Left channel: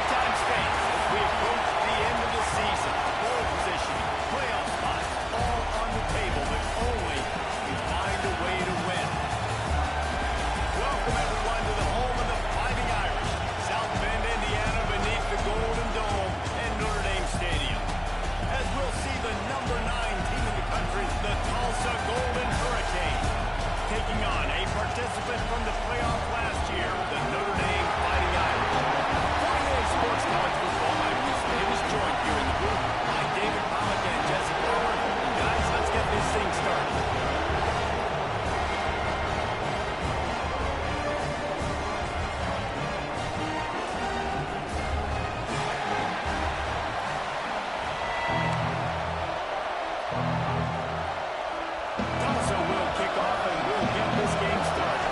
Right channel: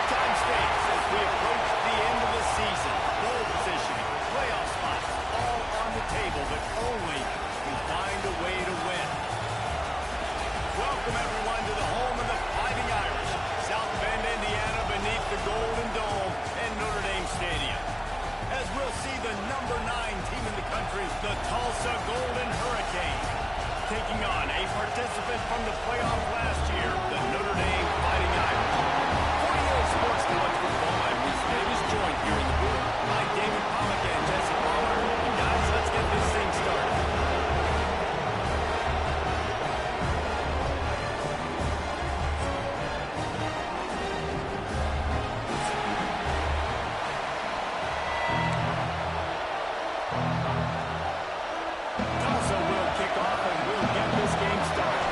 Halftime stakes as we approach the end of the season. Bowl positioning, playoff spots, all on the table, but only if you find a way to win. Welcome, everyone, to the home of the Fighting Irish, South Bend, Indiana, beneath the Golden Dome and Notre Dame Stadium. As we'll see the number 9 team in the country, the Tulsa Golden Hurricane, taking on a participant from the playoff last year, the Notre Dame Fighting Irish. 48 Sports College Football, I'm Reese Davis, joined here in the booth by David Pollock and Jesse Palmer. And guys, let's get this thing started. Tulsa will kick off and we'll get this game started.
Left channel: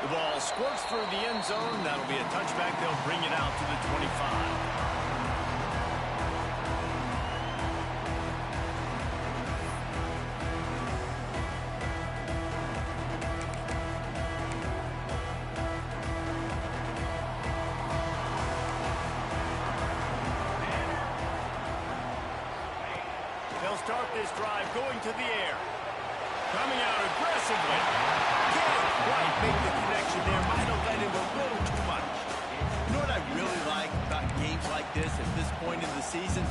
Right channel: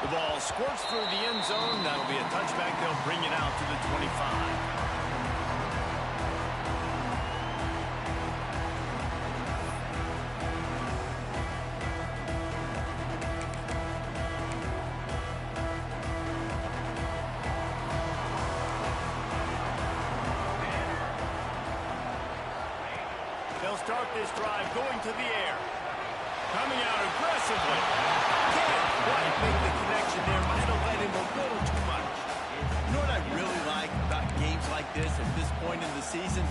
The ball squirts through the end zone. That'll be a touchback. They'll bring it out to the 25. They'll start this drive going to the air. Coming out aggressively. Can't quite make the connection there. Might have let him a little too much. You know what I really like about games like this at this point in the season?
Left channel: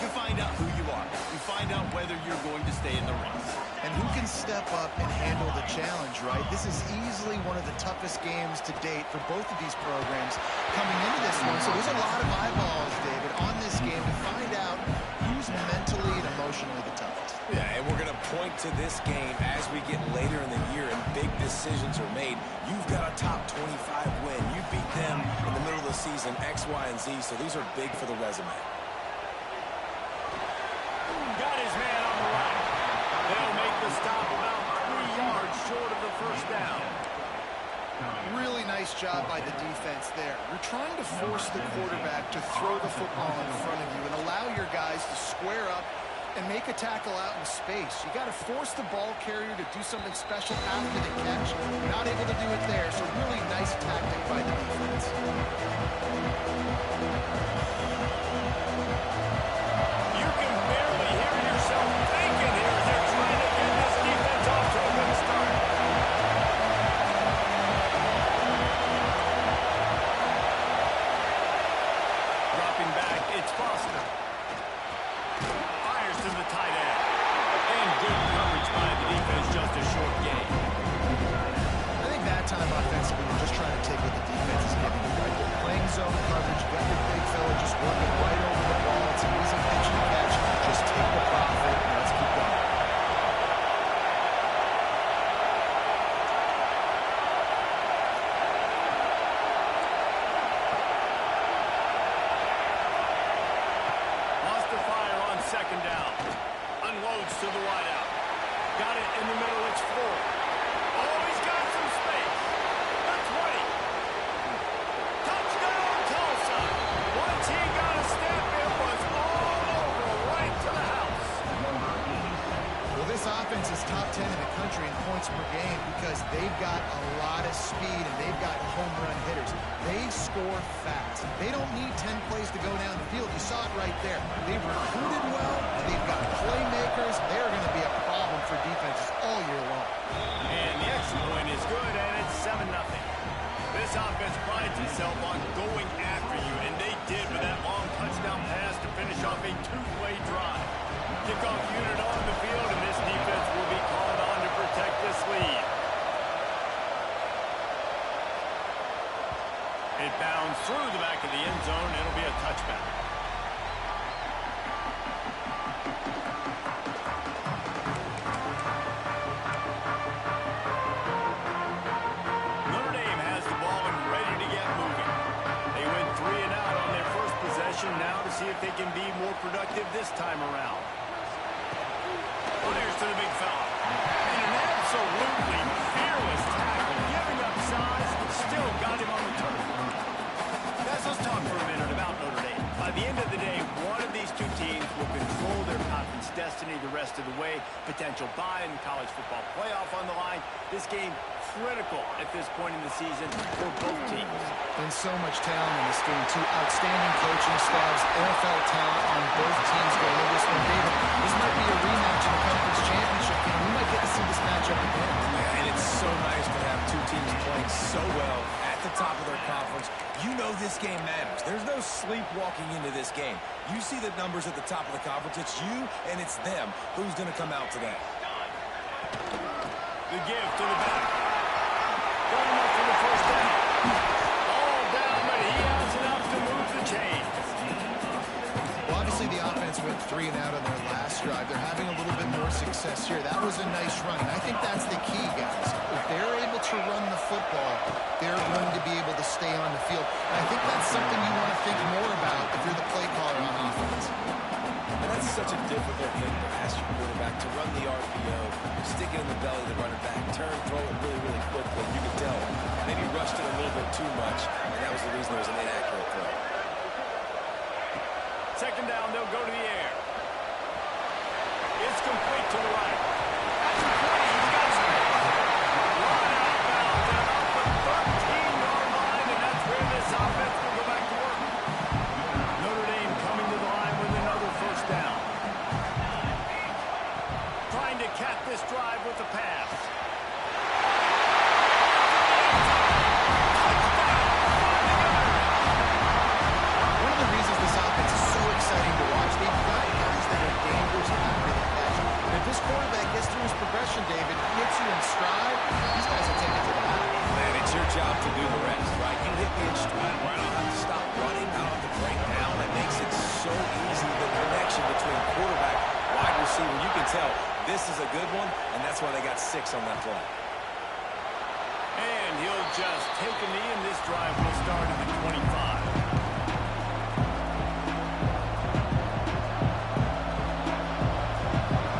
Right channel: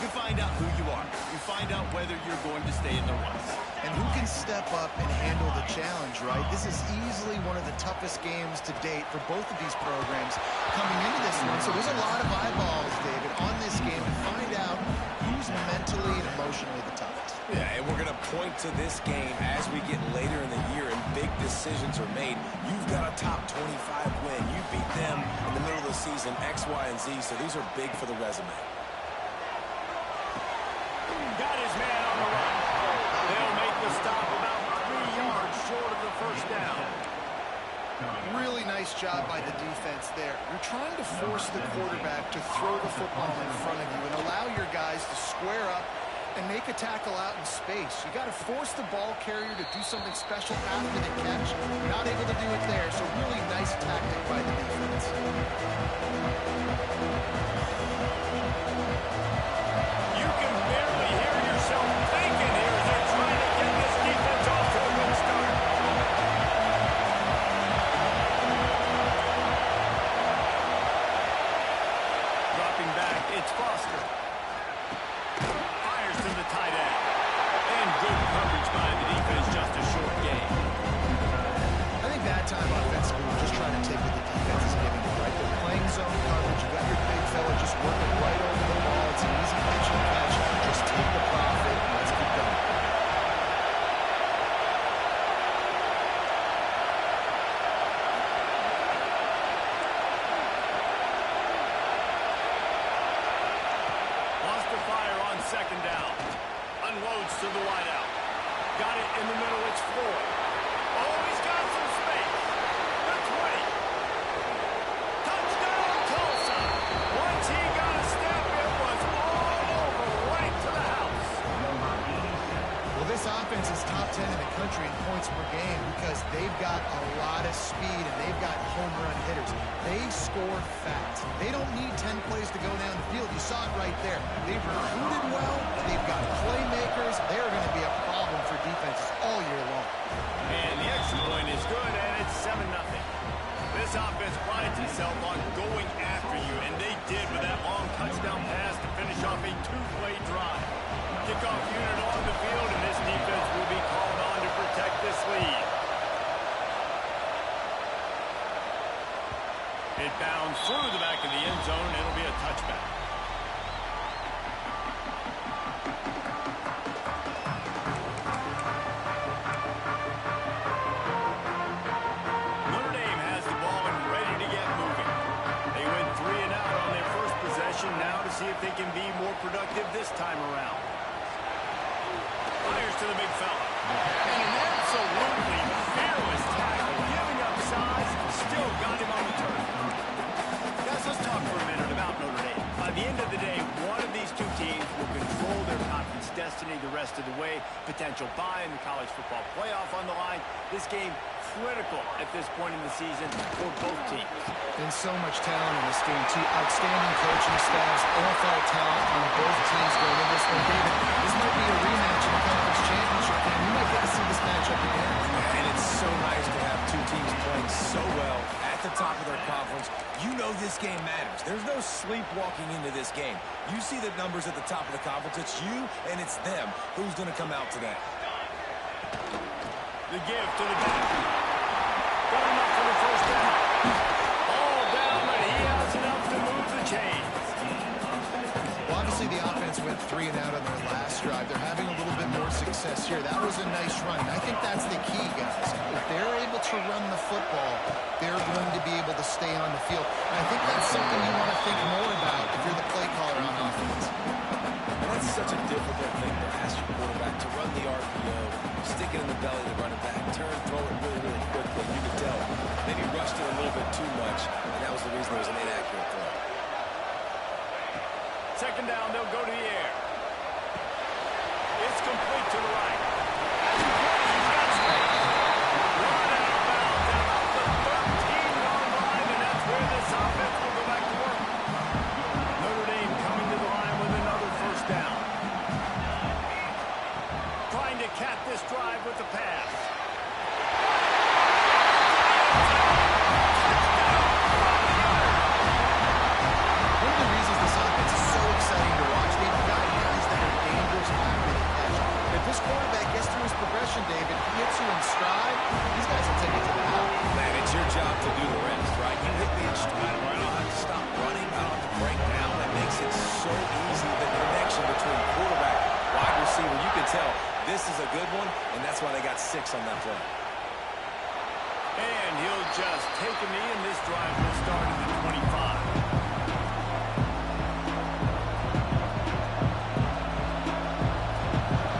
You find out who you are. You find out whether you're going to stay in the race. And who can step up and handle the challenge, right? This is easily one of the toughest games to date for both of these programs coming into this one. So there's a lot of eyeballs, David, on this game to find out who's mentally and emotionally the toughest. Yeah, and we're going to point to this game as we get later in the year and big decisions are made. You've got a top 25 win. You beat them in the middle of the season, X, Y, and Z, so these are big for the resume. Got his man on the run. They'll make the stop about 3 yards short of the first down. Really nice job by the defense there. You're trying to force the quarterback to throw the football in front of you and allow your guys to square up and make a tackle out in space. You got to force the ball carrier to do something special after the catch. You're not able to do it there, so really nice tactic by the defense. You can barely hear yourself thinking here as they're trying to get this defense off to a good start. Dropping back, it's Foster. Fires to the tight end. And good coverage by the defense, just a short gain. I think that time offensively, we're just trying to take what the defense is giving you, right? They're playing zone coverage. You got your big fella just working right over the ball. It's an easy pitch and catch. Just take the profit and let's keep going. Wants to fire on second down. Unloads to the wideout. Got it in the middle, it's Floyd. Oh, he's got some space. The 20. Touchdown, Tulsa. Once he got a step, it was all over, right to the house. Well, this offense is top 10 in the country in points per game because they've got a lot of speed and they've got home run hitters. They score fast. They don't need 10 plays to go down the field. You saw it right there. They've recruited well. They've got playmakers. They're going to be a problem for defenses all year long. And the extra point is good, and it's 7-0. This offense prides itself on going after you, and they did with that long touchdown pass to finish off a 2-play drive. Kickoff unit on the field, and this defense will be called on to protect this lead. It bounds through the back of the end zone. It'll be a touchback. Notre Dame has the ball and ready to get moving. They went 3 and out on their first possession. Now to see if they can be more productive this time around. Fires to the big fella. And an absolutely fearless tackle. Giving up size, still got him on the turf. Guys, let's talk for a minute about Notre Dame. By the end of the day, one of these two teams will control their conference destiny the rest of the way. Potential bye in the college football playoff on the line. This game critical at this point in the season for both teams. And so much talent in this game, too. Outstanding coaching staffs, NFL talent on both teams going into this one. David, this might be a rematch in the conference championship game. We might get to see this matchup again. And it's so nice to have two teams playing so well at the top of their conference. You know this game matters. There's no sleepwalking into this game. You see the numbers at the top of the conference. It's you and it's them. Who's going to come out today? The give to the back. Got enough for the first down. All down, but he has enough to move the chains. Well, obviously the offense went 3 and out on their last drive. They're having a little bit more success here. That was a nice run, and I think that's the key, guys. If they're able to run the football, they're going to be able to stay on the field. And I think that's something you want to think more about if you're the play caller on offense. And that's such a difficult thing to ask your quarterback to run the RPO, stick it in the belly to run it back, turn, throw it really, really quickly. And you could tell maybe rushed it a little bit too much, and that was the reason it was an inaccurate throw. Second down, they'll go to the air. It's complete to the right. At the 20, he's got space. Run out of bounds at about the 13-yard line, and that's where this offense will go back to work. Notre Dame coming to the line with another first down. Trying to cap this drive with the pass. One of the reasons this offense is so exciting to watch, they've got guys that are dangerous after the catch. And if this quarterback gets through his progression, David, he hits you in stride, these guys will take it to the house. Man, it's your job to do the rest, right? You hit me in stride where I don't have to stop running, I don't have to break down. That makes it so easy, the connection between quarterback, wide receiver. You can tell this is a good one, and that's why they got 6 on that play. And he'll just take a knee, and this drive will start at the 25.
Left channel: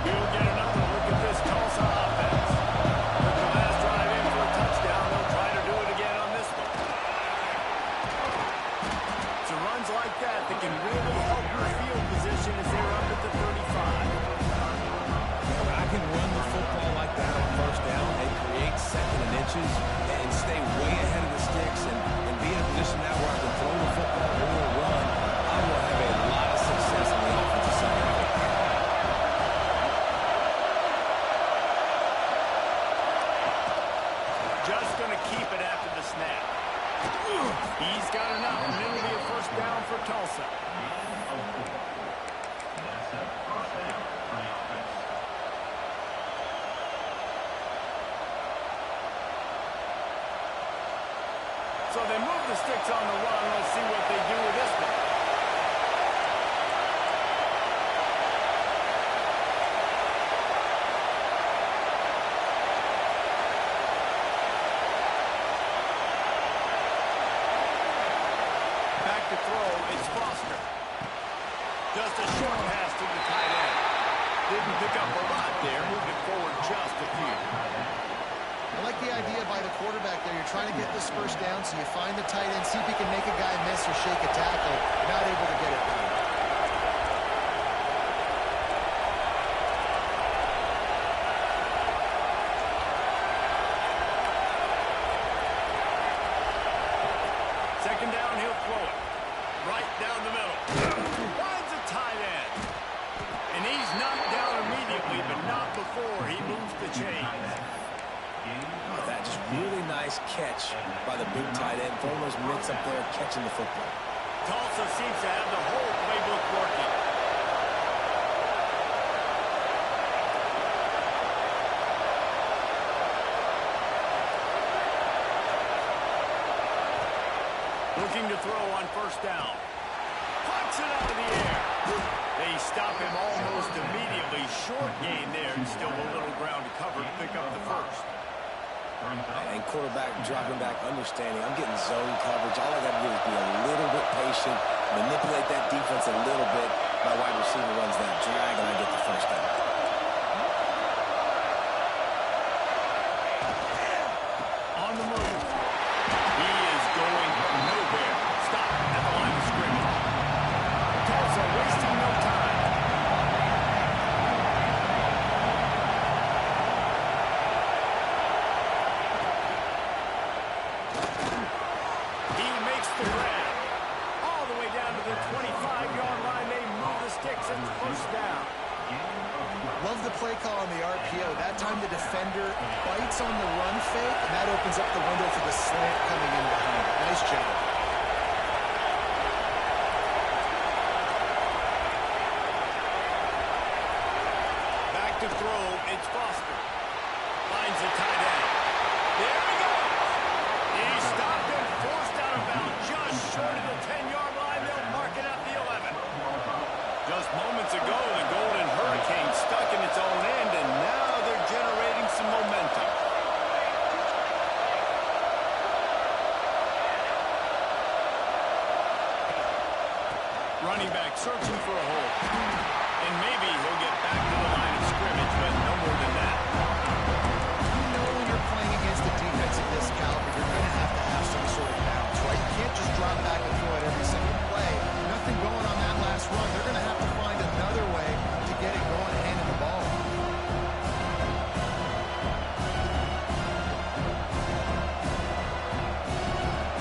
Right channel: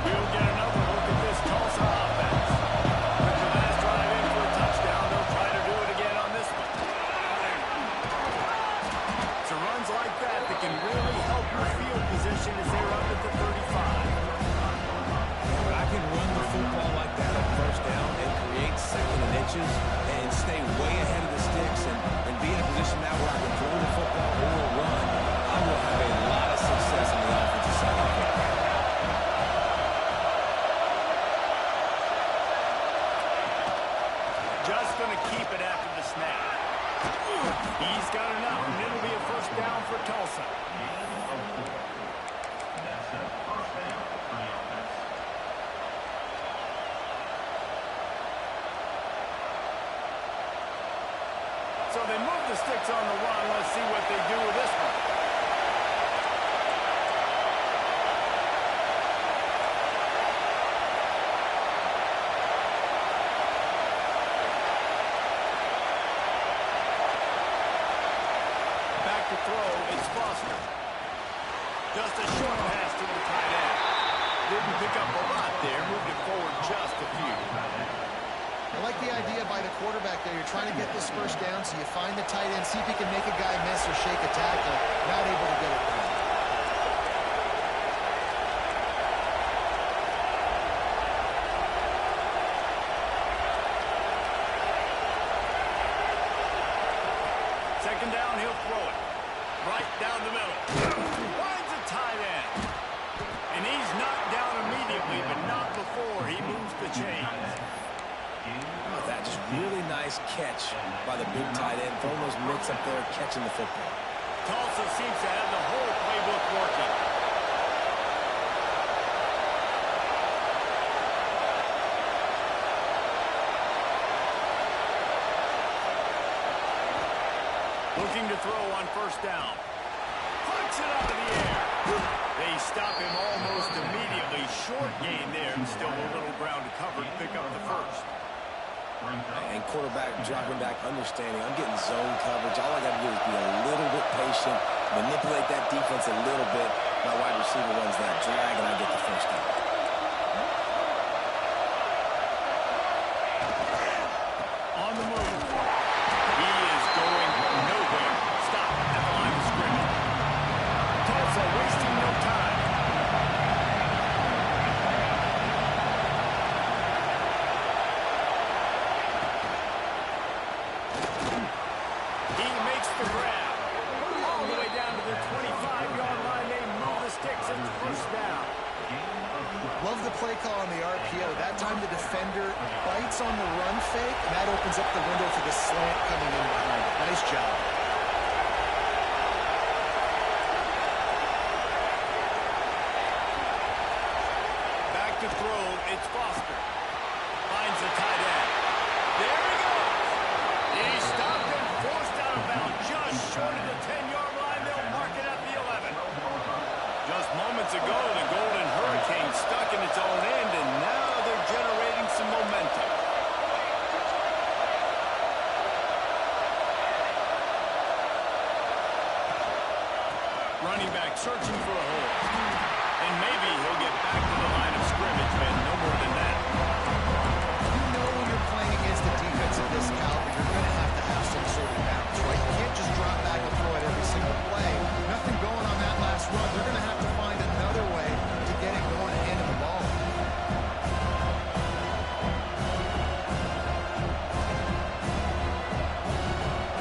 We'll get another look at this Tulsa offense. With the last drive in for a touchdown, they'll try to do it again on this one. So runs like that can really help your field position as they run at the 35. Yeah, but I can run the football like that on first down and create second and inches and stay way ahead of the sticks and be in a position now where I can throw the football or run. I will have a lot of success on the offensive side of the football. Just going to keep it after the snap. He's got enough, and it'll be a first down for Tulsa. That's a first down for the offense. So they move the sticks on the run. Let's see what they do with this one. Back to throw, it's Foster. Just a short pass to the tight end. Didn't pick up a lot there, moved it forward just a few. I like the idea by the quarterback there. You're trying to get this first down, so you find the tight end, see if he can make a guy miss or shake a tackle. Not able to get it done. Second down, he'll throw it. Right down the middle. Finds a tight end. And he's knocked down immediately, but not before he moves the chains. Oh, that just really nice catch by the big tight end, throwing those mitts up there, catching the football. Tulsa seems to have the whole playbook working. Looking to throw on first down. Punts it out of the air. They stop him almost immediately. Short gain there, and still a little ground to cover to pick up the first. And quarterback dropping back, understanding I'm getting zone coverage. All I got to do is be a little bit patient, manipulate that defense a little bit. My wide receiver runs that drag, and I get the first down. On the move. He is going nowhere. Stop at the line of scrimmage. sticks. It's first down. Love the play call on the RPO. That time the defender bites on the run fake, and that opens up the window for the slant coming in behind it. Nice job. Back to throw. It's Foster. Finds the tight end. There he goes. He stopped and forced out of bounds just short of the 10-yard line. They'll mark it at the 11. Just moments ago, the Golden Hurricane stuck in its own end, and now they're generating some momentum. Running back searching for a hole. And maybe he'll get back to the line of scrimmage, but no more than that. You know when you're playing against a defense of this caliber, you're going to have some sort of balance, right? You can't just drop back and throw it every single play. Nothing going on that last run. They're going to have to find another way to get it going and handing the ball.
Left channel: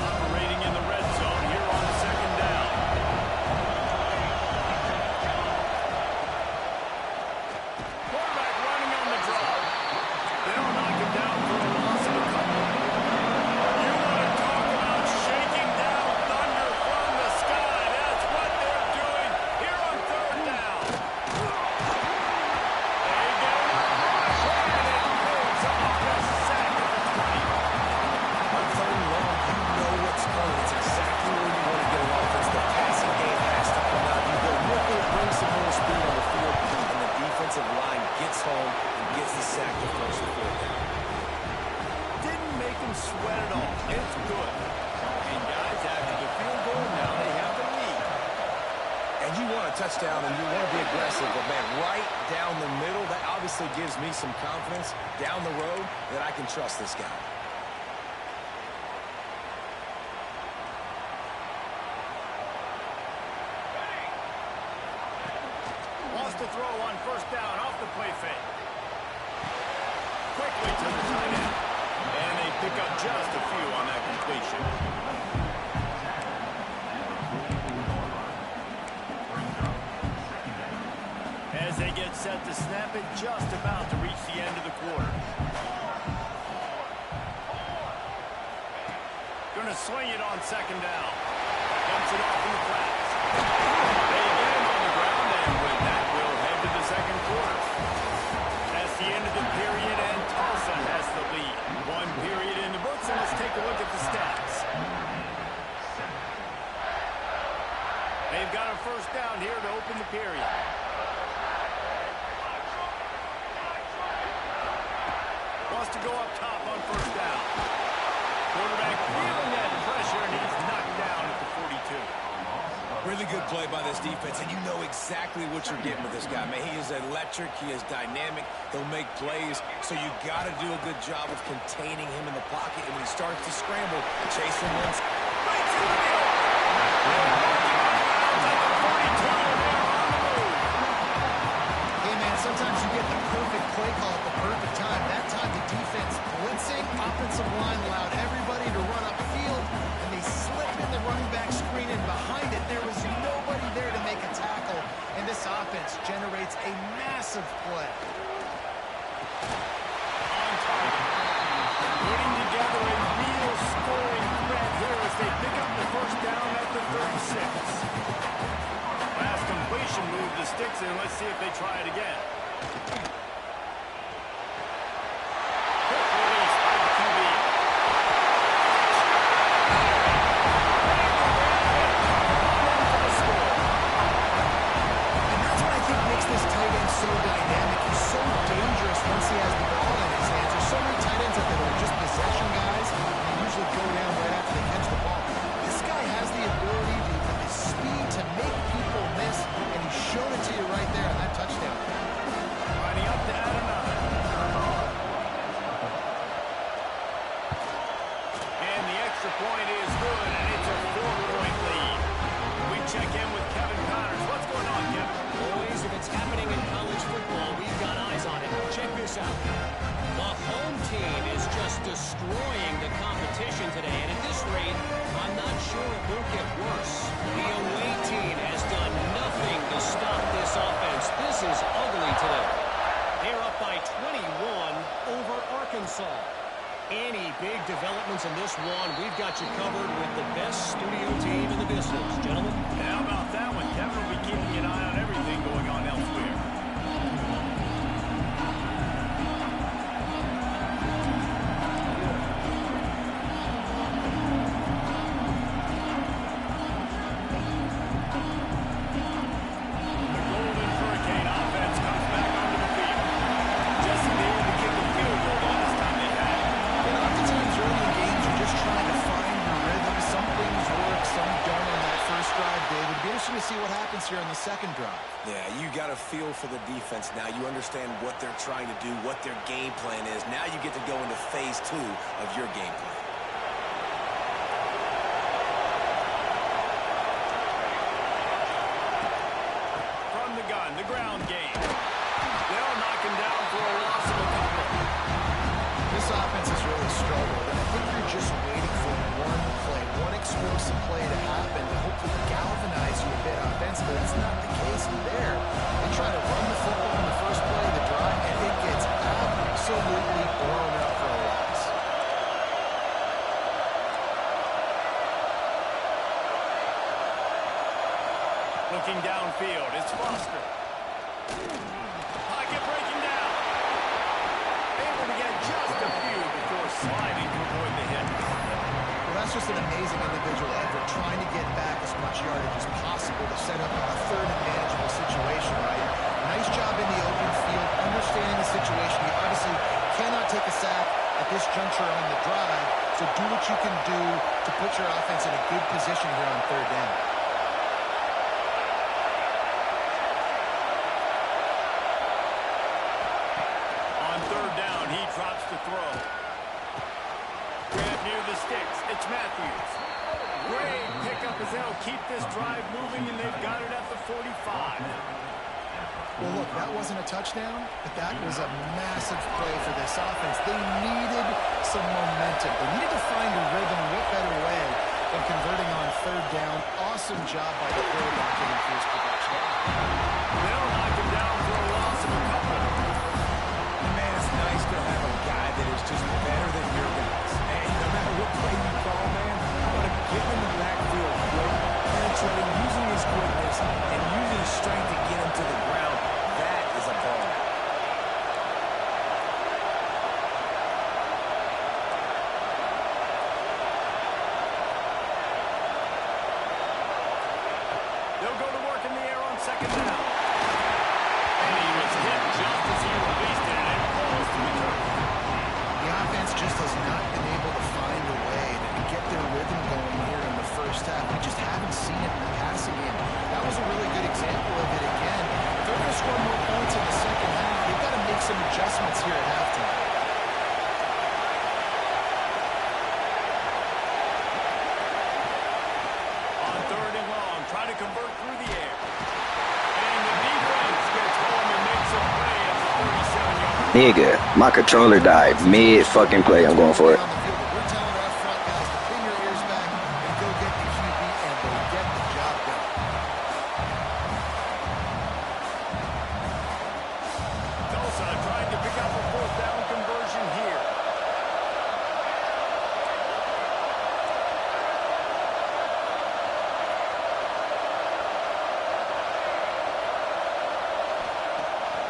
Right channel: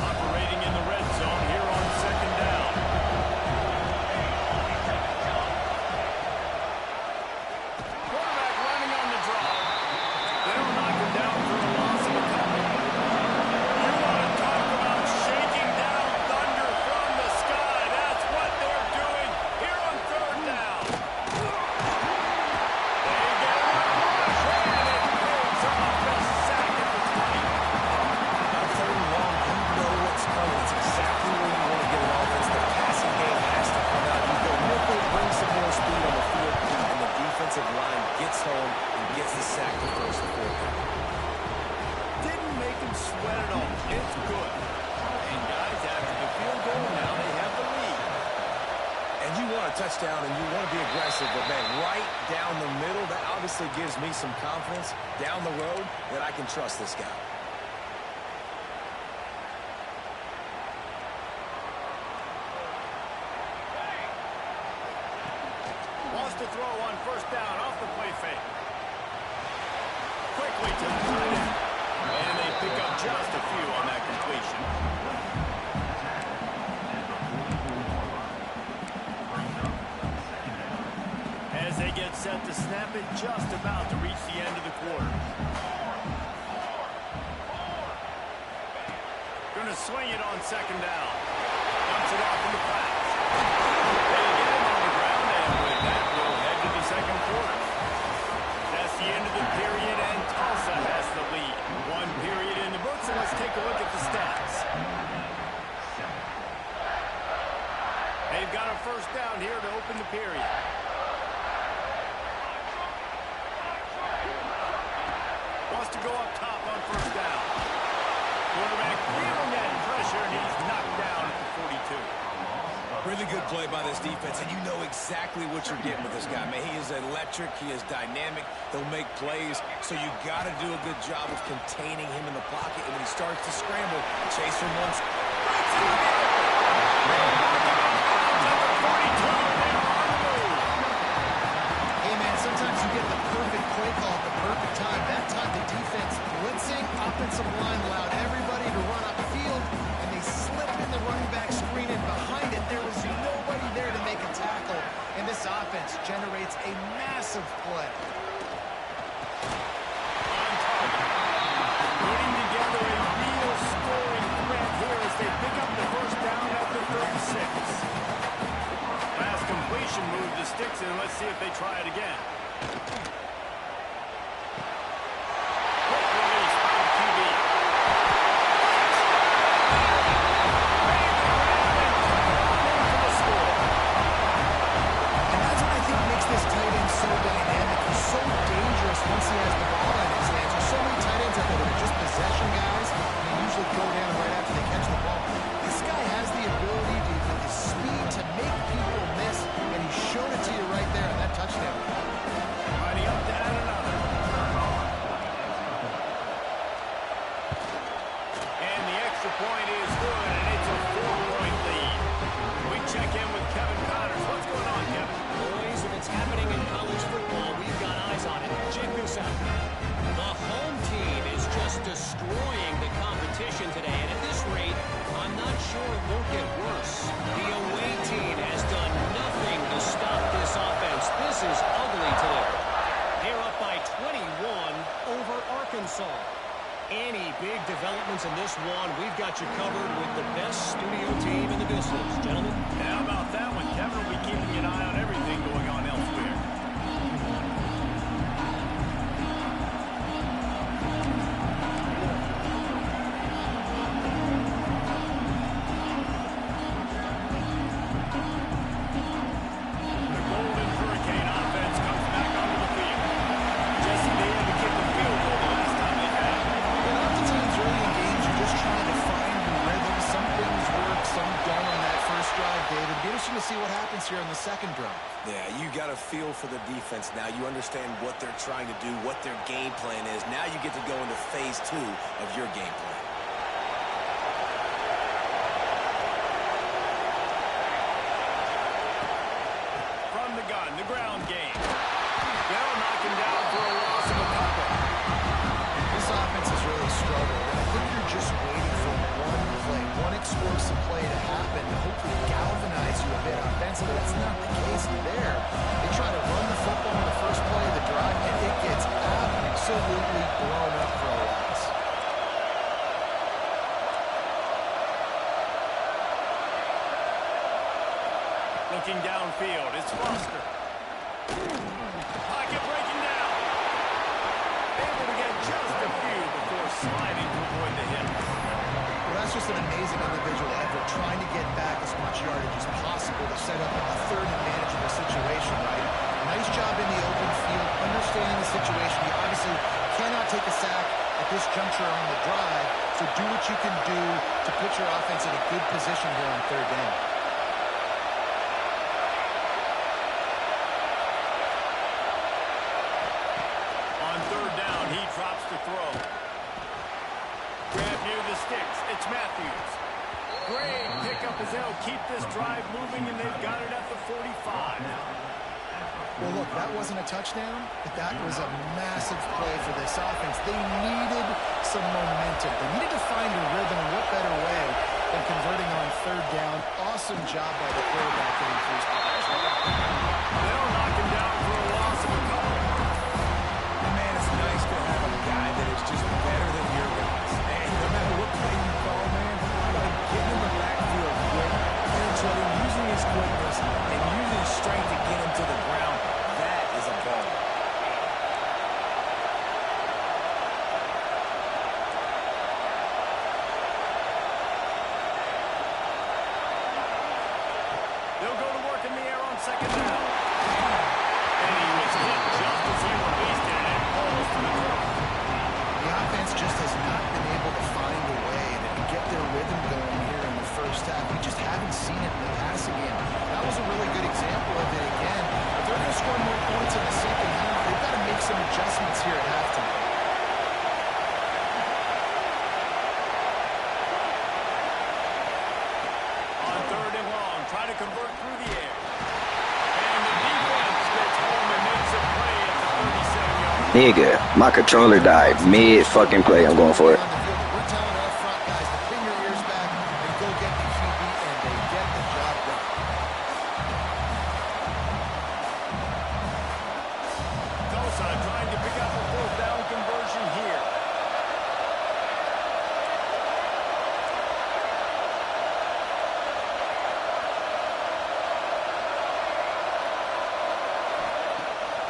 Operating in the red zone here on second down. Quarterback running on the draw. They don't knock him down for a loss of a couple. You want to talk about shaking down thunder from the sky. That's what they're doing here on third down. They get him a rush, and it pays off. A sack at the 20. On third and long, you know what's coming. It's exactly where you want to get an offense. The passing game has to come out. You go nickel, bring some more speed on the field, and the defensive line gets home and gets the sack to force the fourth down. Didn't make him sweat at all. It's good. And guys, after the field goal, now they have the lead. And you want a touchdown and you want to be aggressive, but man, right down the middle, that obviously gives me some confidence down the road that I can trust this guy. Wants to throw on first down off the play fake. Quickly to the tight end. And they pick up just a few on that completion. As they get set to snap it, just about to reach the end of the quarter. Going to swing it on second down. Dumps it off in the flats. They get him on the ground, and with that, we'll head to the second quarter. That's the end of the period, and Tulsa has the lead. One period in the books, and let's take a look at the stats. They've got a first down here to open the period. Wants to go up top on first down. Quarterback feeling that pressure, and he's knocked down at the 42. Really good play by this defense, and you know exactly what you're getting with this guy. Man, he is electric. He is dynamic. He'll make plays, so you got to do a good job of containing him in the pocket. And when he starts to scramble, chase from one. Breaks into the open. They're marking on bounds at the 42, and they are on the move. Hey, man, sometimes you get the perfect play call at the perfect time. That time the defense blitzing, offensive line allowed everybody to run upfield, and they slipped in the running back screen, and behind it there was nobody there to make a tackle, and this offense generates a massive play. On target. Putting together a real scoring threat here as they pick up the first down at the 36. Last completion moved the sticks, and let's see if they try it again. Quick release by the QB. Makes this tight end so dynamic. He's so dangerous once he has the ball in his hands. There's so many tight ends out there that are just possession guys, and they usually go down right after they catch the ball. This guy has the ability to, with his speed, to make people miss, and he showed it to you right there on that touchdown. Lining up to add another. And the extra point is good, and it's a 4-point lead. We check in with Kevin Connors. What's going on, Kevin? Boys, if it's happening in college football, we've got eyes on it. Check this out. The home team is just destroying the competition today, and at this rate, I'm not sure it won't get worse. The away team has done nothing to stop this offense. This is ugly today. They're up by 21 over Arkansas. Any big developments in this one, we've got you covered with the best studio team in the business. Gentlemen? Yeah, how about that one? Kevin will be keeping an eye on everything going on elsewhere. The Golden Hurricane offense comes back onto the field. Jesse, they had to kick a field goal the last time they had. And oftentimes early in games, you're just trying to find your rhythm. Some things work, some don't on that first drive, David. It'd be interesting to see what happens here on the second drive. Yeah, you got a feel for the defense now. You understand what they're trying to do, what their game plan is. Now you get to go into phase 2 of your game plan. From the gun, the ground game. They'll knock him down for a loss of a couple. This offense has really struggled, and I think you're just waiting for one play, one explosive play to happen to hopefully galvanize you a bit offensively. That's not the case there. They try to run the football in the first play of the drive, and it gets absolutely blown up for a loss. Looking downfield, it's Foster. Pocket breaking down. Able to get just a few before sliding to avoid the hit. Well, that's just an amazing individual effort, trying to get back as much yardage as possible to set up a third and manageable situation, right? Nice job in the open field, understanding the situation. You obviously cannot take a sack at this juncture on the drive, so do what you can do to put your offense in a good position here on third down. On third down, he drops to throw. Grab near the sticks. It's Matthews. Great pickup as they'll keep this drive moving, and they've got it at the 45. Well, look, that wasn't a touchdown, but that was a massive play for this offense. They needed some momentum. They needed to find a rhythm, and what better way than converting on third down. Awesome job by the quarterback getting through his progression. They'll knock him down for a loss of a couple. And man, it's nice to have a guy that is just better than your guys. And no matter what play you call, man, how about him getting in the backfield quick, penetrating, using his quickness, and using his strength to get him to the ground. That is a ball. They'll go to work in the air on second down. And he was hit just as he released it, and it falls to the turf. The offense just has not been able to find a way to get their rhythm going here in the first half. We just haven't seen it in the passing game. That was a really good example of it again. If they're going to score more points in the second half, they've got to make some adjustments here at halftime. On third and long, try to convert through the air. And the defense gets home and makes a play at the 37-yard line. Nigga, my controller died mid-fucking play. I'm going for it. On the field, we're telling our front guys to pin your ears back and go get the QB, and they get the job done. Tulsa trying to pick up a fourth down conversion here.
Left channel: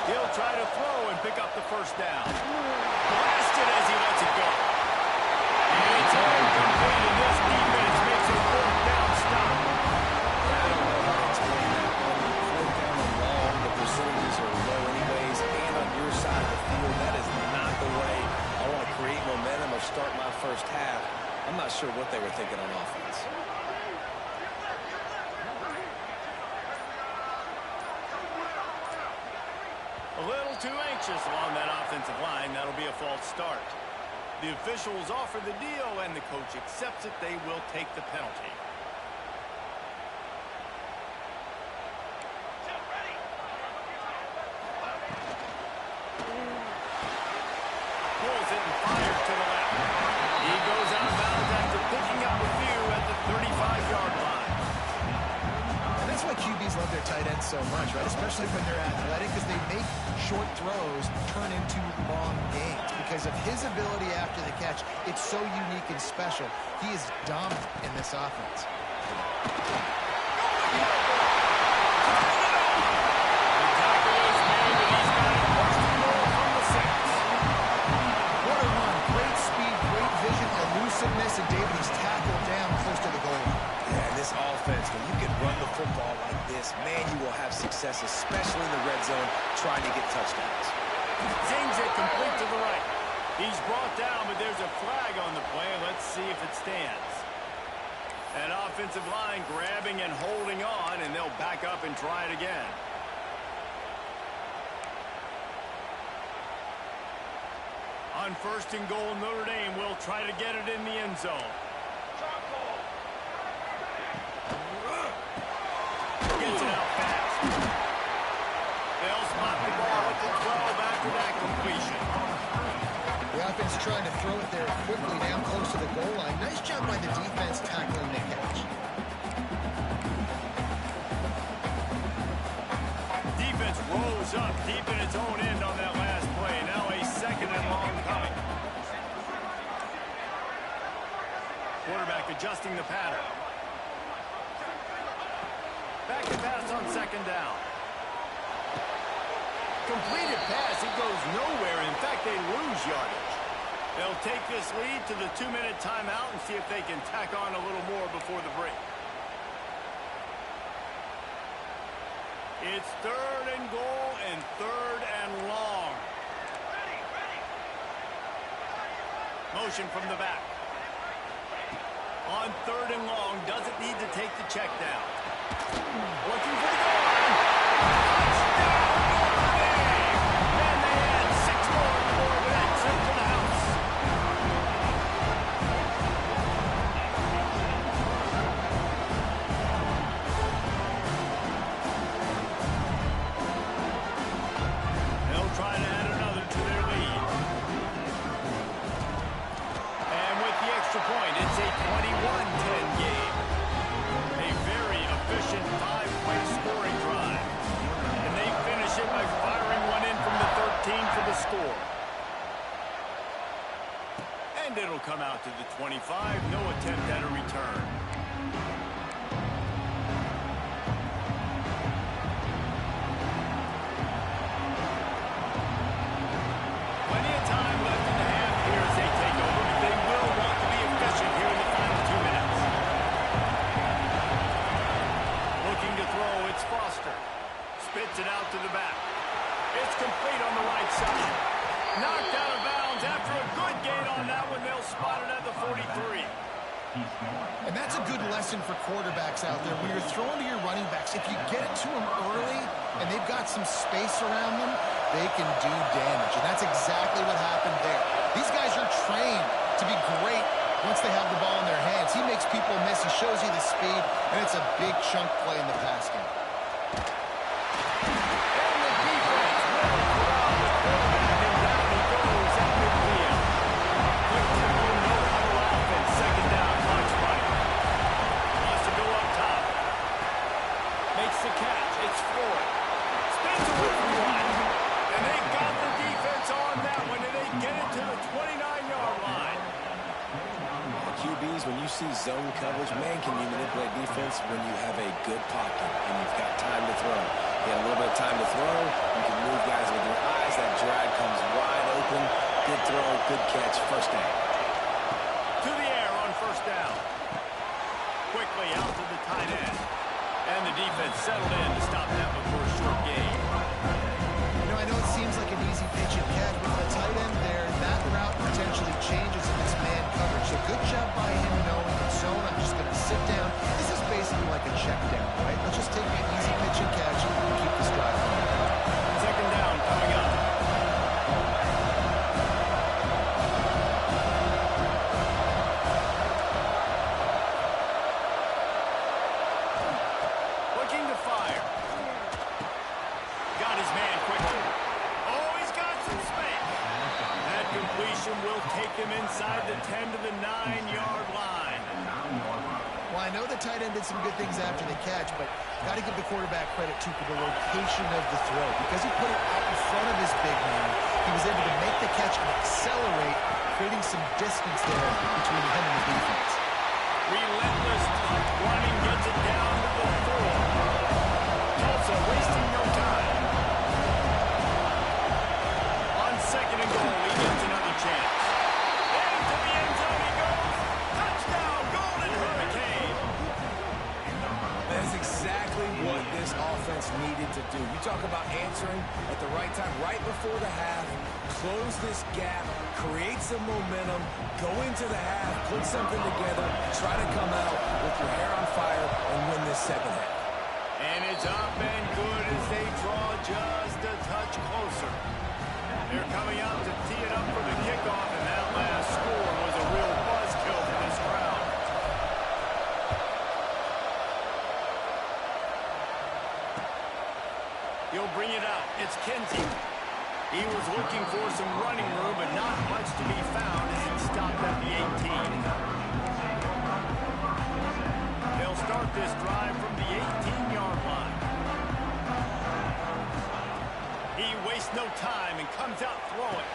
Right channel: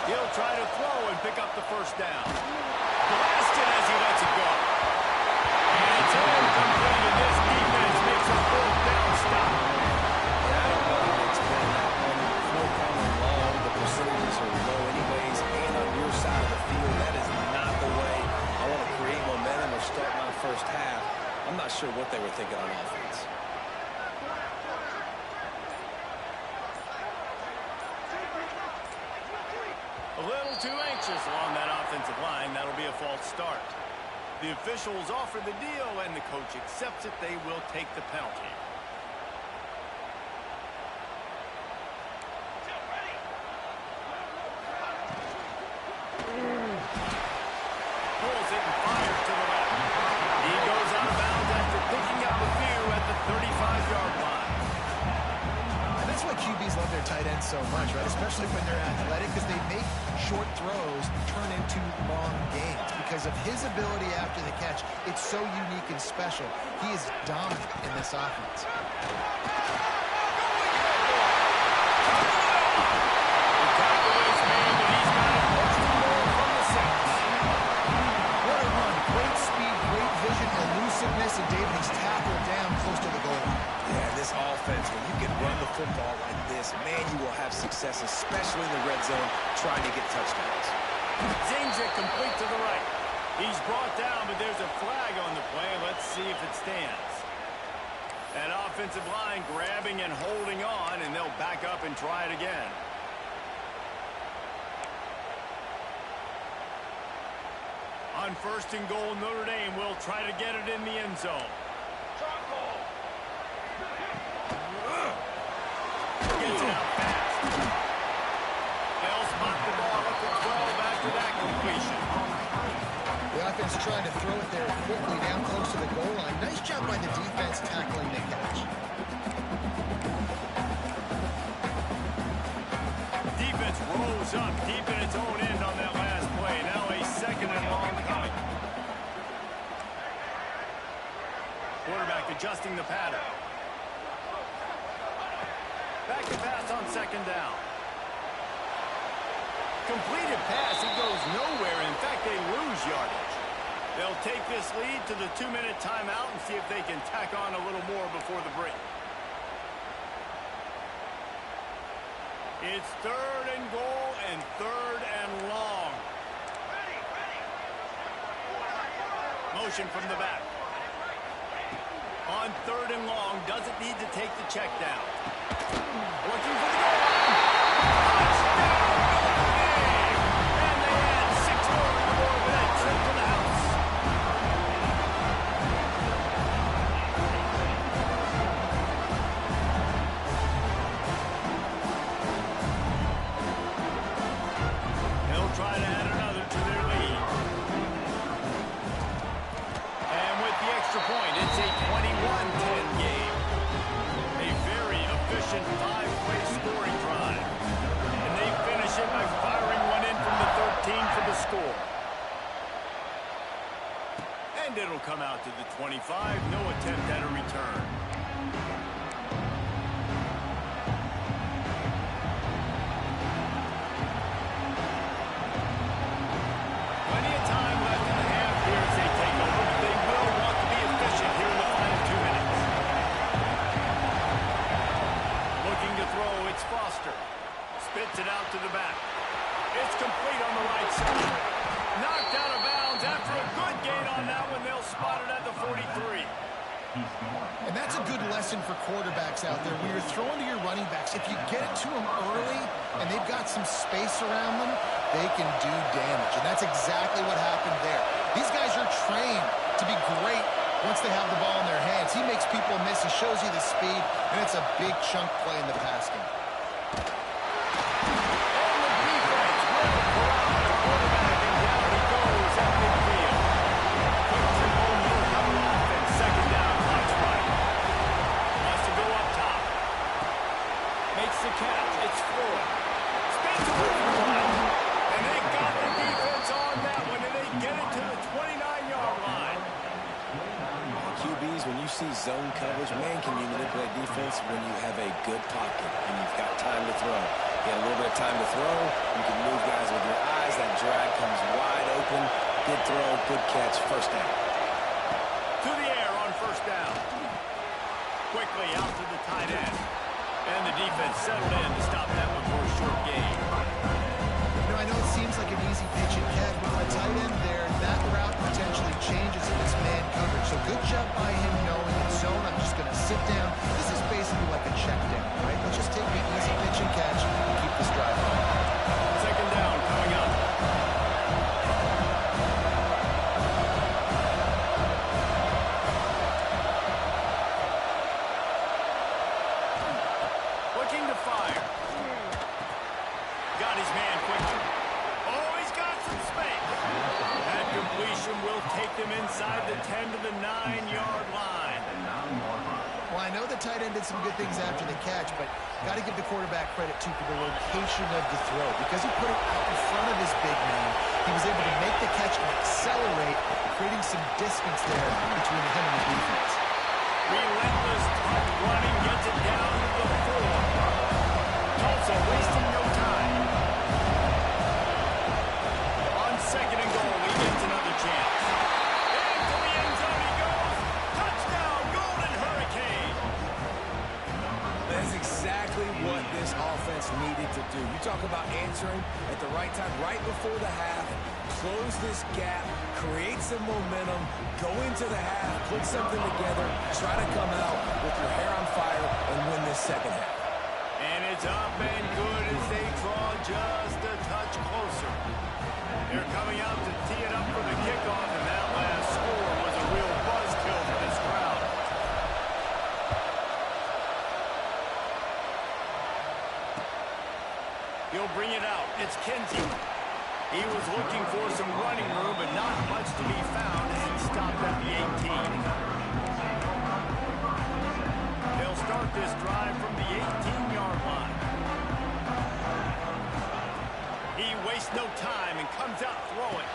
He'll try to throw and pick up the first down. Blasted as he lets it go. And it's incomplete, and this defense makes a fourth down stop. And I don't know how to explain that one. Fourth down and long, the percentages are low anyways, and on your side of the field, that is not the way I want to create momentum or start my first half. I'm not sure what they were thinking on offense. A little too anxious along that offensive line. That'll be a false start. The officials offer the deal, and the coach accepts it. They will take the penalty. pulls it and fires to the left. He goes out of bounds after picking up a few at the 35-yard line. And that's why QBs love their tight ends so much, right? Especially when they're athletic, because they make short throws turn into long gains. Because of his ability after the catch, it's so unique and special. He is dominant in this offense. Elusiveness, and David, he's tackled down close to the goal line. Yeah, in this offense, when you can run the football like this, man, you will have success, especially in the red zone, trying to get touchdowns. Zings it complete to the right. He's brought down, but there's a flag on the play. Let's see if it stands. That offensive line grabbing and holding on, and they'll back up and try it again. On 1st and goal, Notre Dame will try to get it in the end zone. Gets it out fast. They'll spot the ball at the 12 after that completion. The offense trying to throw it there quickly down close to the goal line. Nice job by the defense tackling the catch. Defense rose up deep in its own end on that last play. Now a 2nd and long coming. Quarterback adjusting the pattern. Back to pass on 2nd down. Completed pass, it goes nowhere. In fact, they lose yardage. They'll take this lead to the 2-minute timeout and see if they can tack on a little more before the break. It's 3rd and goal and 3rd and long. Motion from the back. On 3rd and long, doesn't need to take the check down. Looking for the goal line. Touchdown, Notre Dame! And they add 6 more on the board with that trip to the house. They'll try to add another to their lead. And with the extra point, it's a 21-10 game. A very efficient 5-play scoring drive. And they finish it by firing one in from the 13 for the score. And it'll come out to the 25. No attempt at a return. Plenty of time left in the half here as they take over, but they will want to be efficient here in the final 2 minutes. Looking to throw, it's Foster. Spits it out to the back. It's complete on the right side. Knocked out of bounds after a good gain on that one. They'll spot it at the 43. And that's a good lesson for quarterbacks out there. When you're throwing to your running backs, if you get it to them early and they've got some space around them, they can do damage. And that's exactly what happened there. These guys are trained to be great once they have the ball in their hands. He makes people miss. He shows you the speed, and it's a big chunk play in the pass game. And the defense will corral the quarterback, and down he goes at midfield. Quick tempo, no huddle offense. 2nd down, clock's running. Wants to go up top. Makes the catch. It's Floyd. Spins away from one. And they got the defense on that one, and they get it to the 29-yard line. QBs, when you see zone coverage, man, can you manipulate defense when you have a good pocket and you've got time to throw. You had a little bit of time to throw. You can move guys with your eyes. That drag comes wide open. Good throw, good catch, 1st down. To the air on 1st down. Quickly out to the tight end. And the defense settled in to stop that one for a short gain. You know, I know it seems like an easy pitch and catch, but with a tight end there, that route potentially changes if it's man coverage. So good job by him knowing it's zone. I'm just going to sit down. This is basically like a check down, right? Let's just take the easy pitch and catch and keep this drive going. 2nd down coming up. Looking to fire. Got his man quickly. Oh, he's got some space. That completion formation will take them inside the 10 to the 9-yard line. Well, I know the tight end did some good things after the catch, but got to give the quarterback credit, too, for the location of the throw. Because he put it out in front of his big man, he was able to make the catch and accelerate, creating some distance there between him and the defense. Relentless tuck running gets it down to the 4. Tulsa wasting no time. On 2nd and goal, he gets another chance. Into the end zone he goes. Touchdown, Golden Hurricane. That's exactly what this offense needed to do. You talk about answering at the right time, right before the half, close this gap, create some momentum, go into the half, put something together, try to come out with your hair on fire and win this second half. And it's up and good as they draw just a touch closer. They're coming out to tee it up for the kickoff, and that last score was a real buzzkill for this crowd. He'll bring it out. It's Kinsey. He was looking for some running room, but not much to be found as he stopped at the 18. They'll start this drive from the 18-yard line. He wastes no time and comes out throwing.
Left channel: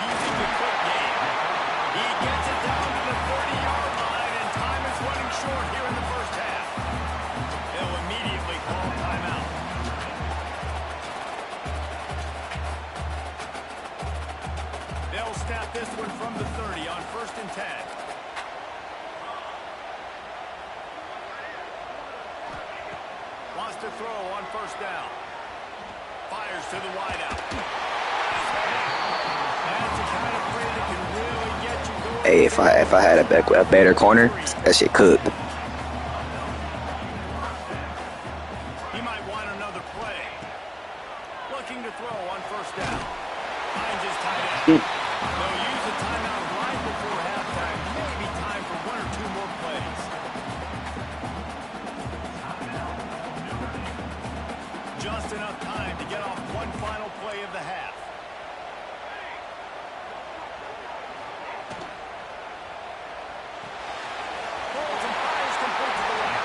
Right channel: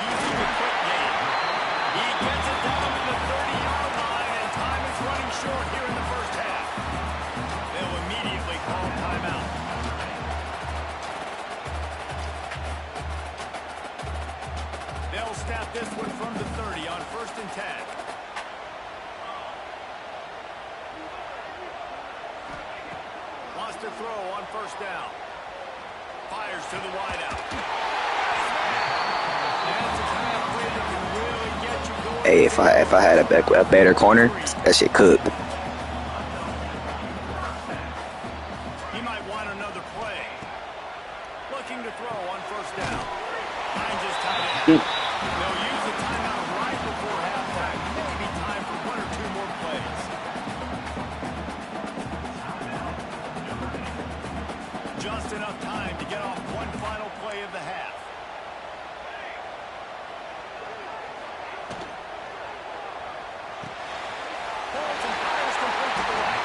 Using the quick game. He gets it down to the 30-yard line, and time is running short here in the first half. They'll immediately call timeout. They'll snap this one from the 30 on 1st and 10. Wants to throw on 1st down. Fires to the wideout. That's the kind of play that can really get you going. Hey, if I had a better corner, that shit cooked. He might want another play. Looking to throw on 1st down. Finds his tight end. They'll use a timeout right before halftime. Maybe time for 1 or 2 more plays. Just enough time to get off one final play of the half. Pulls and fires complete to the right.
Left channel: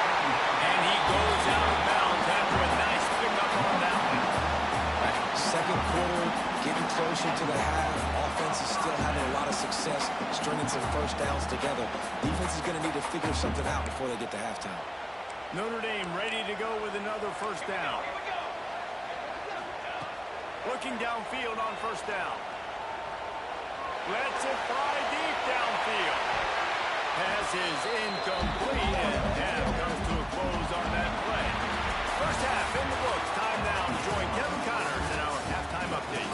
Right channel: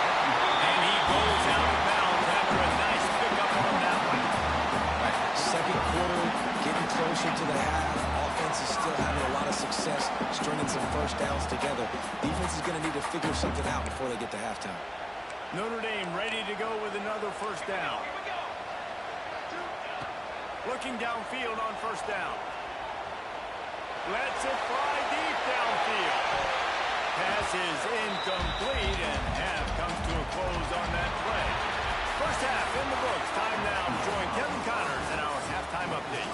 And he goes out of bounds after a nice pickup on that one. Right. Second quarter, getting closer to the half. Offense is still having a lot of success stringing some 1st downs together. Defense is going to need to figure something out before they get to halftime. Notre Dame ready to go with another 1st down. Looking downfield on 1st down. Lets it fly deep downfield. Pass is incomplete, and half comes to a close on that play. First half in the books. Time now to join Kevin Connors in our halftime update.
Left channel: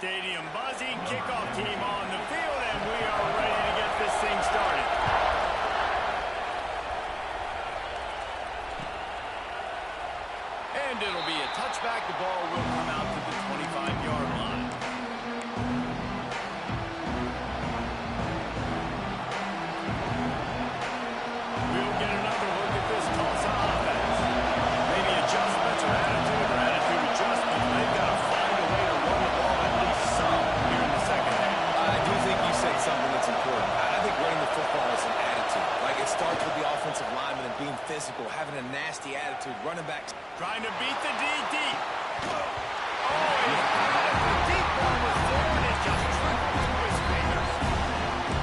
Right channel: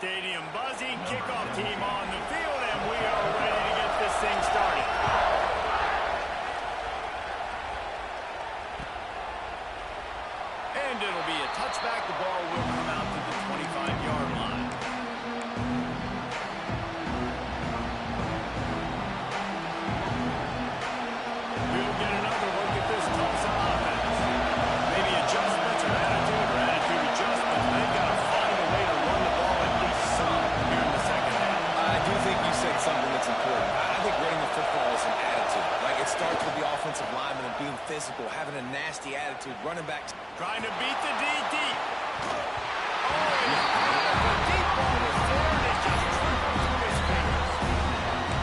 Stadium buzzing, kickoff team on the field, and we are ready to get this thing started. And it'll be a touchback. The ball will come out to the 25-yard line. We'll get another look at this Tulsa offense. Maybe adjustments or attitude adjustments. They've got to find a way to run the ball at least some here in the second half. I do think you said something that's important. I think running the football is an attitude. Like, it starts with the offensive lineman and being physical, having a nasty attitude, running back. Trying to beat the D deep. Oh, he had it. The deep ball was there, and it just trickled through his fingers.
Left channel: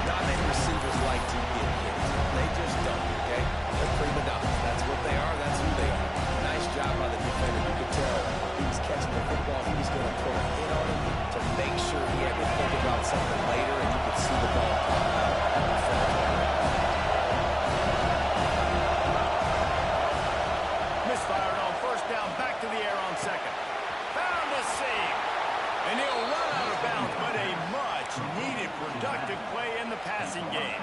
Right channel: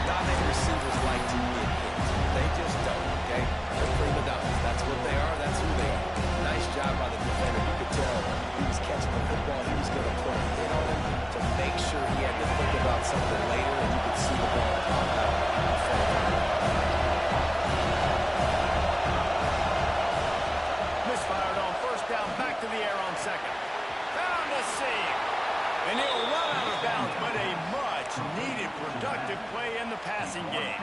Not many receivers like to get hit. They just don't, okay? They're prima donnas. That's what they are. That's who they are. Nice job by the defender. You could tell he was catching the football. He was going to put a hit on him to make sure he had to think about something later, and you could see the ball pop out in front of him. Misfired on 1st down, back to the air on 2nd. Found a seam. And he'll run out of bounds, but a much-needed productive play in the passing game.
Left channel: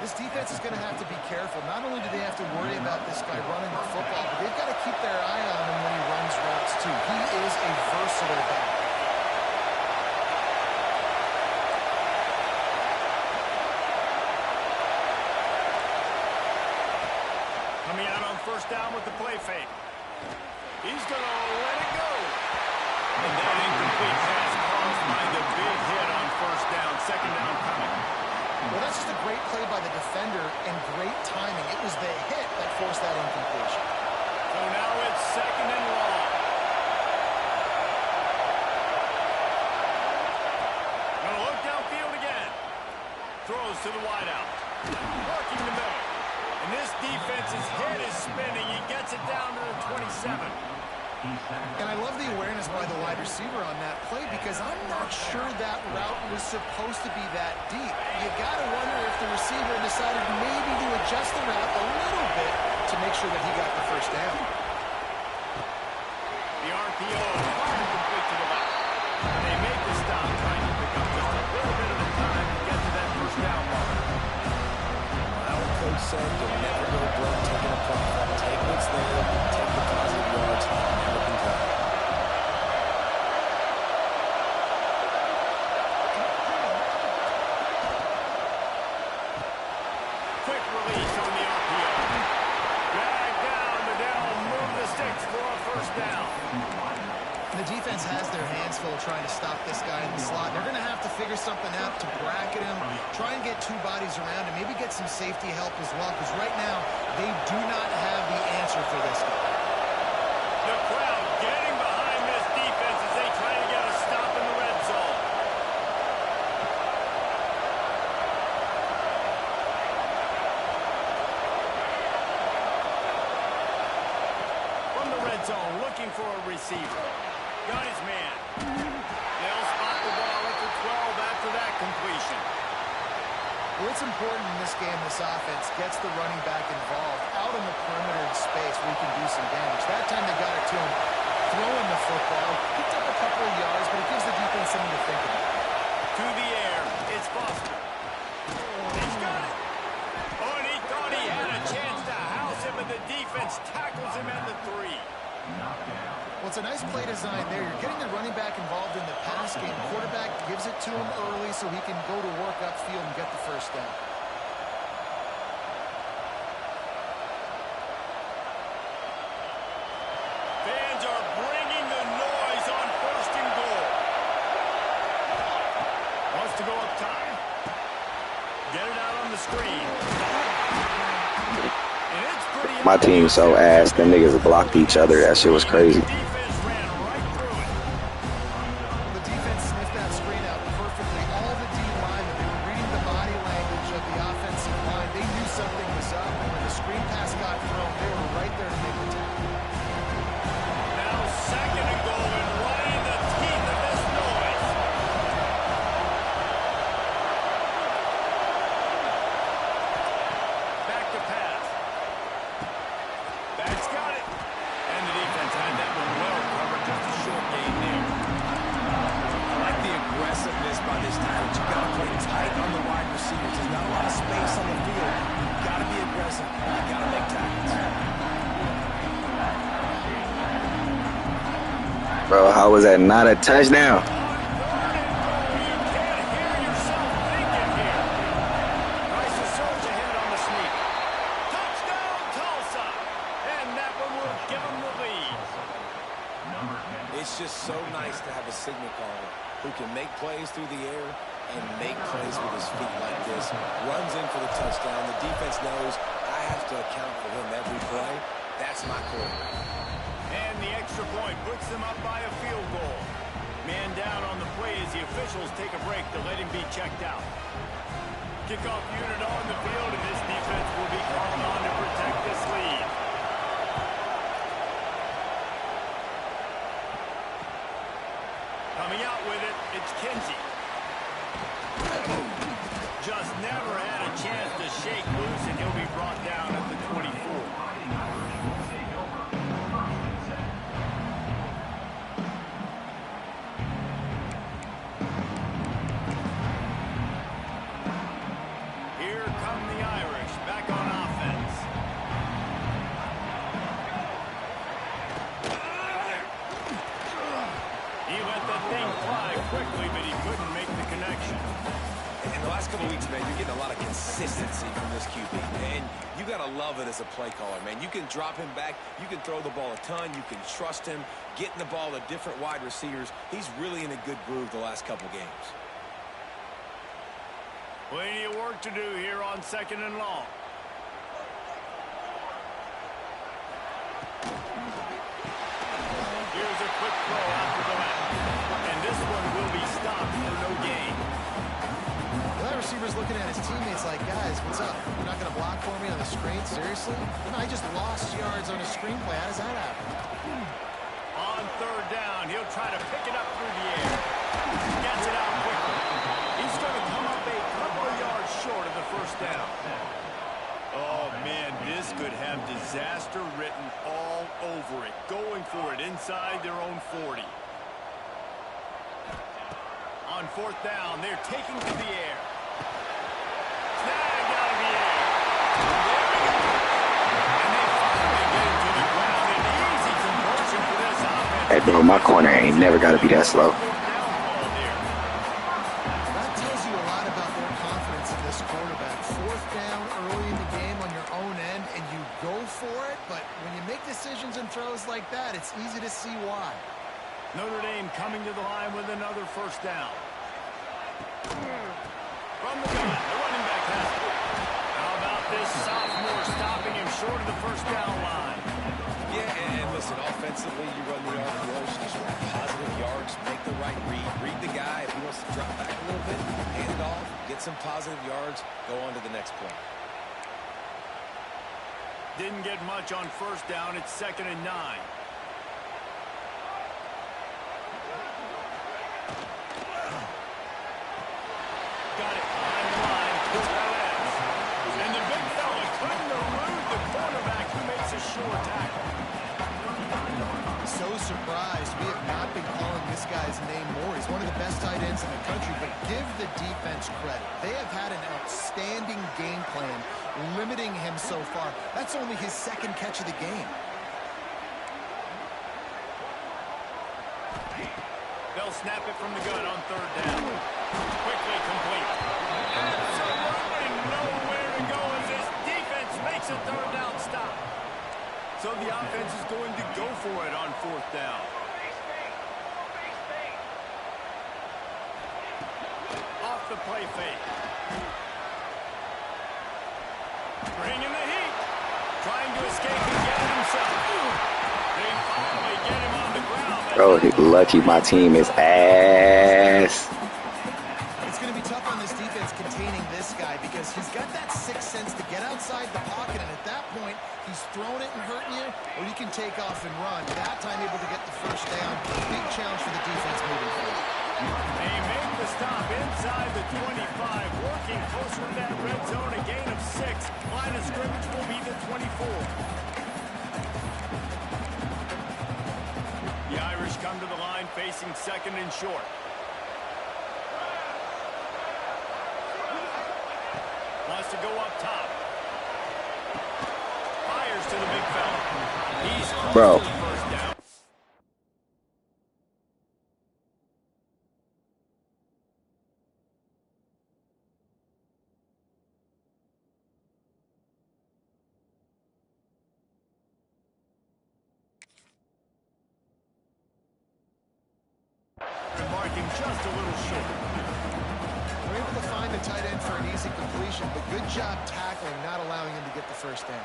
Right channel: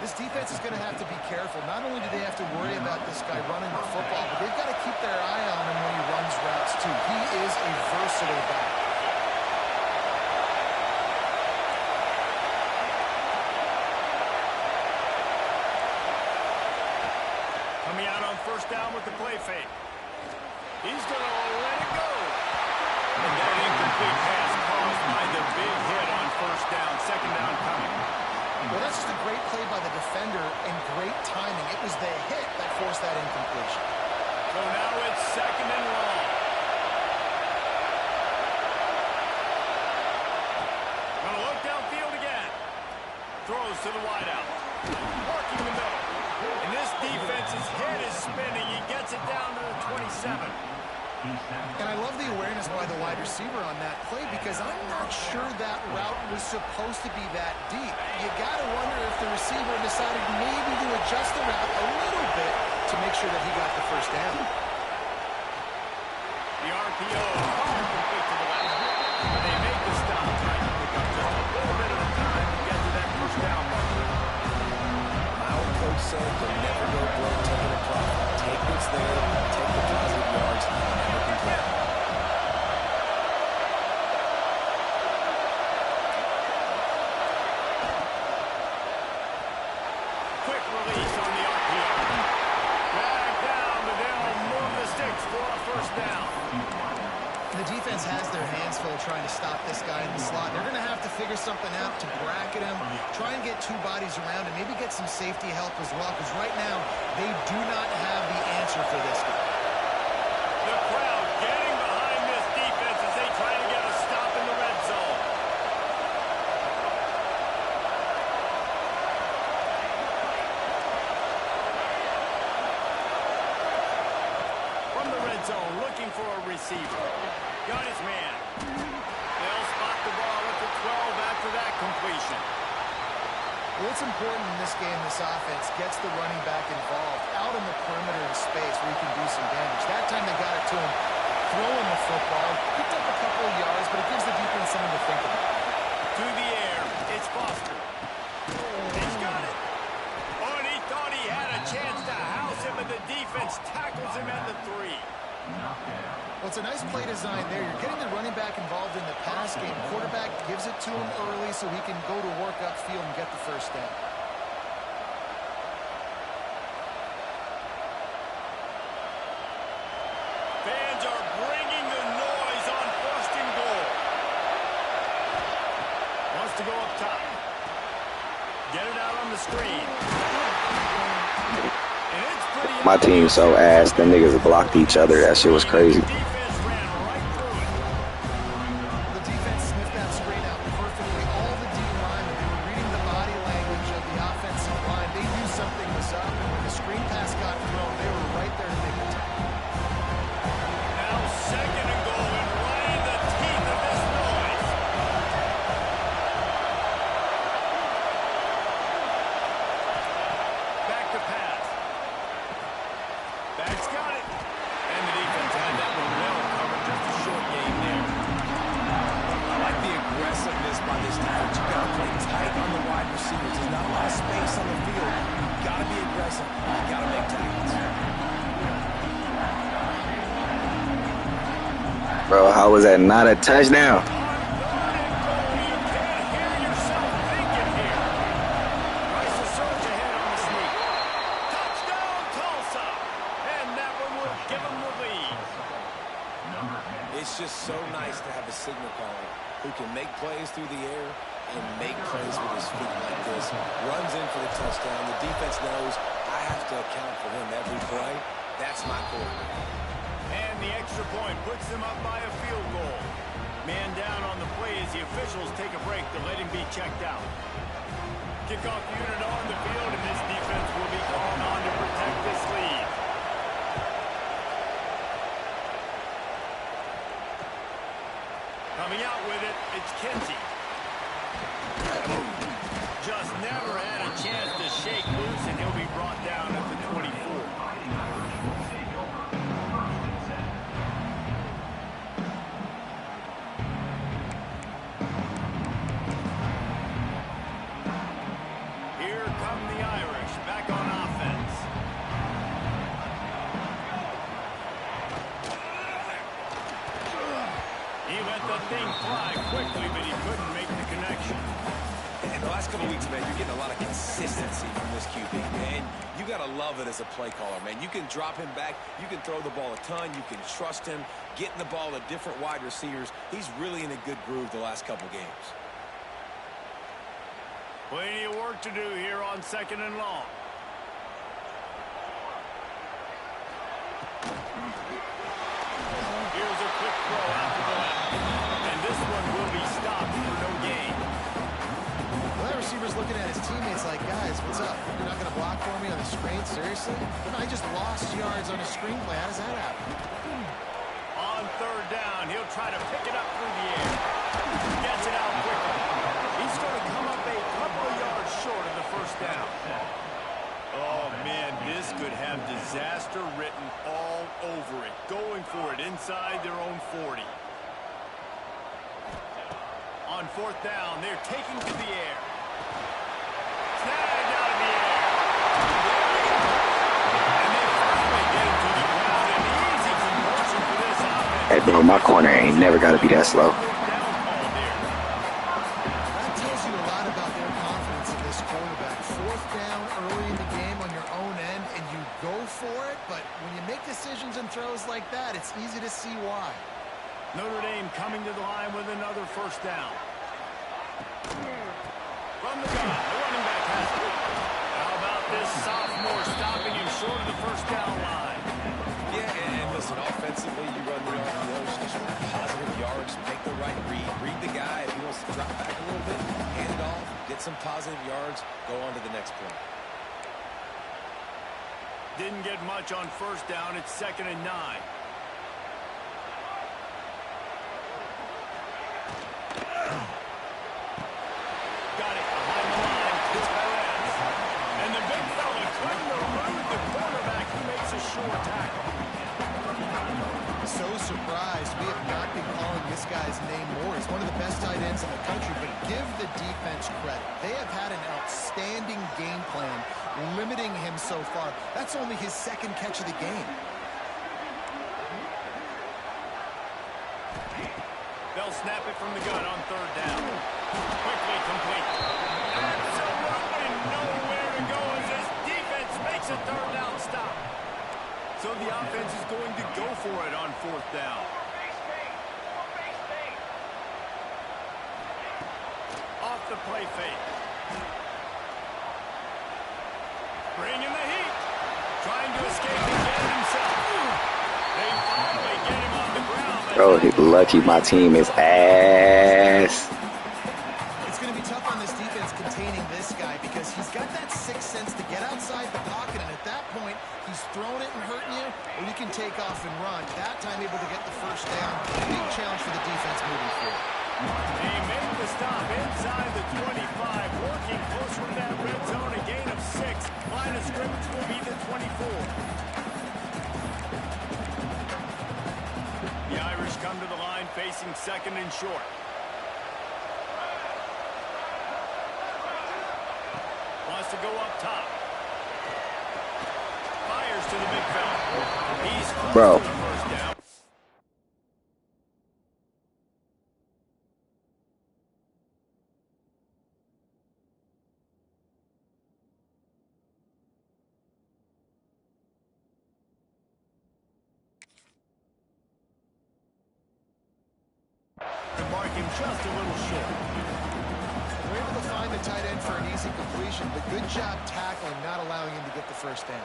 This defense is going to have to be careful. Not only do they have to worry about this guy running the football, but they've got to keep their eye on him when he runs routes, too. He is a versatile back. Coming out on first down with the play fake. He's going to let it go. And that incomplete pass caused by the big hit on first down. Second down coming. Well, that's just a great play by the defender and great timing. It was the hit that forced that incompletion. So now it's second and long. Going to look downfield again. Throws to the wideout. Working the middle. And this defense's head is spinning. He gets it down to the 27. And I love the awareness by the wide receiver on that play because I'm not sure that route was supposed to be that deep. You got to wonder if the receiver decided maybe to adjust the route a little bit to make sure that he got the first down. The RPO fired complete to the left. But they make the stop, trying to pick up just a little bit of the time to get to that first down marker. My old coach said you'll never go broke taking a profit. Take what's there, take the positive yards, never complain. Quick release on the RPO. Drag down, but they'll move the sticks for a first down. The defense has their hands full trying to stop this guy in the slot. They're going to have to figure something out to bracket him, try and get two bodies around him, maybe get some safety help as well, because right now they do not have the answer for this guy. The crowd getting behind this defense as they try to get a stop in the red zone. From the red zone, looking for a receiver. Got his man. They'll spot the ball at the 12 after that completion. Well, it's important in this game, this offense gets the running back involved out in the perimeter in space where he can do some damage. That time they got it to him, throwing the football, picked up a couple of yards, but it gives the defense something to think about. To the air, it's Foster. He's got it. Oh, and he thought he had a chance to house him, and the defense tackles him at the 3. Well, it's a nice play design there. You're getting the running back involved in the pass game. Quarterback gives it to him early so he can go to work upfield and get the first down. Fans are bringing the noise on first and goal. Wants to go up top. Get it out on the screen. And it's pretty My team so ass, them niggas blocked each other. That shit was crazy. The defense ran right through it. The defense sniffed that screen out perfectly. All the D linemen, they were reading the body language of the offensive line. They knew something was up, and when the screen pass got thrown, they were right there to make the tackle. Now second and goal and right in the teeth of this noise. Back to pass. Back's got it. And the defense had that one well covered. Just a short gain there. I like the aggressiveness by this defense. You got to play tight on the wide receivers. There's not a lot of space on the field. You got to be aggressive. You got to make tackles. Bro, how was that not a touchdown? On third and goal, you can't hear yourself thinking here. Tries to surge ahead on the sneak. Touchdown, Tulsa. And that one will give them the lead. It's just so nice to have a signal caller who can make plays through the air and make plays with his feet like this. Runs in for the touchdown. The defense knows I have to account for him every play. That's my quarterback. And the extra point puts them up by a field goal. Man down on the play as the officials take a break to let him be checked out. Kickoff unit on the field, and this defense will be called on to protect this lead. Coming out with it, it's Kinsey. Just never had a chance to shake loose, and he'll be brought down at the 24. Here come the Irish, back on offense. He let the thing fly quickly, but he couldn't make the connection. In the last couple of weeks, man, you're getting a lot of consistency from this QB. And you got to love it as a play caller, man. You can drop him back. You can throw the ball a ton. You can trust him, getting the ball to different wide receivers. He's really in a good groove the last couple games. Plenty of work to do here on 2nd and long. Here's a quick throw out to the left. And this one will be stopped for no gain. Well, that receiver's looking at his teammates like, guys, what's up? You're not going to block for me on the screen? Seriously? But no, I just lost yards on a screen play. How does that happen? On 3rd down, he'll try to pick it up through the air. Gets it out quickly. He's going to come up a couple of yards short of the 1st down. Oh, man, this could have disaster written all over it. Going for it inside their own 40. On 4th down, they're taking to the air. Snagged out of the air. There we go. And they finally get it to the ground. An easy conversion for this offense. Hey, bro, my corner ain't never got to be that slow. That tells you a lot about their confidence in this quarterback. 4th down early in the game on your own end, and you go for it. But when you make decisions and throws like that, it's easy to see why. Notre Dame coming to the line with another 1st down. From the gun, the running back has it. How about this sophomore stopping him short of the 1st down line? Yeah, and listen, offensively, you run the RPOs, just want positive yards, make the right read the guy. If he wants to drop back a little bit, hand it off, get some positive yards, go on to the next play. Didn't get much on 1st down. It's 2nd and 9. Got it behind the line. It's Perez. And the big fella couldn't elude the quarterback who makes a sure tackle. So surprised. We have not been calling this guy's name more. He's one of the best tight ends in the country, but give the defense credit. They have had an outstanding game plan limiting him so far. That's only his 2nd catch of the game. They'll snap it from the gun on 3rd down. Quickly complete. Absolutely nowhere to go as this defense makes a 3rd down stop. So the offense is going to go for it on 4th down. Off the play fake. Bringing the heat. Trying to escape and get it himself. They finally get him on the ground. Bro, he's lucky my team is ass. It's going to be tough on this defense containing this guy because he's got that 6th sense to get outside the pocket, and at that point, he's throwing it and hurting you, or you can take off and run. That time able to get the 1st down. Big challenge for the defense moving forward. They make the stop inside the 25, working closer to that red zone, a gain of 6. Line of scrimmage will be the 24. The Irish come to the line facing 2nd and short. Wants to go up top. Fires to the big fella. He's close to the 1st down. And mark him just a little short. They're able to find the tight end for an easy completion, but good job tackling, not allowing him to get the 1st down.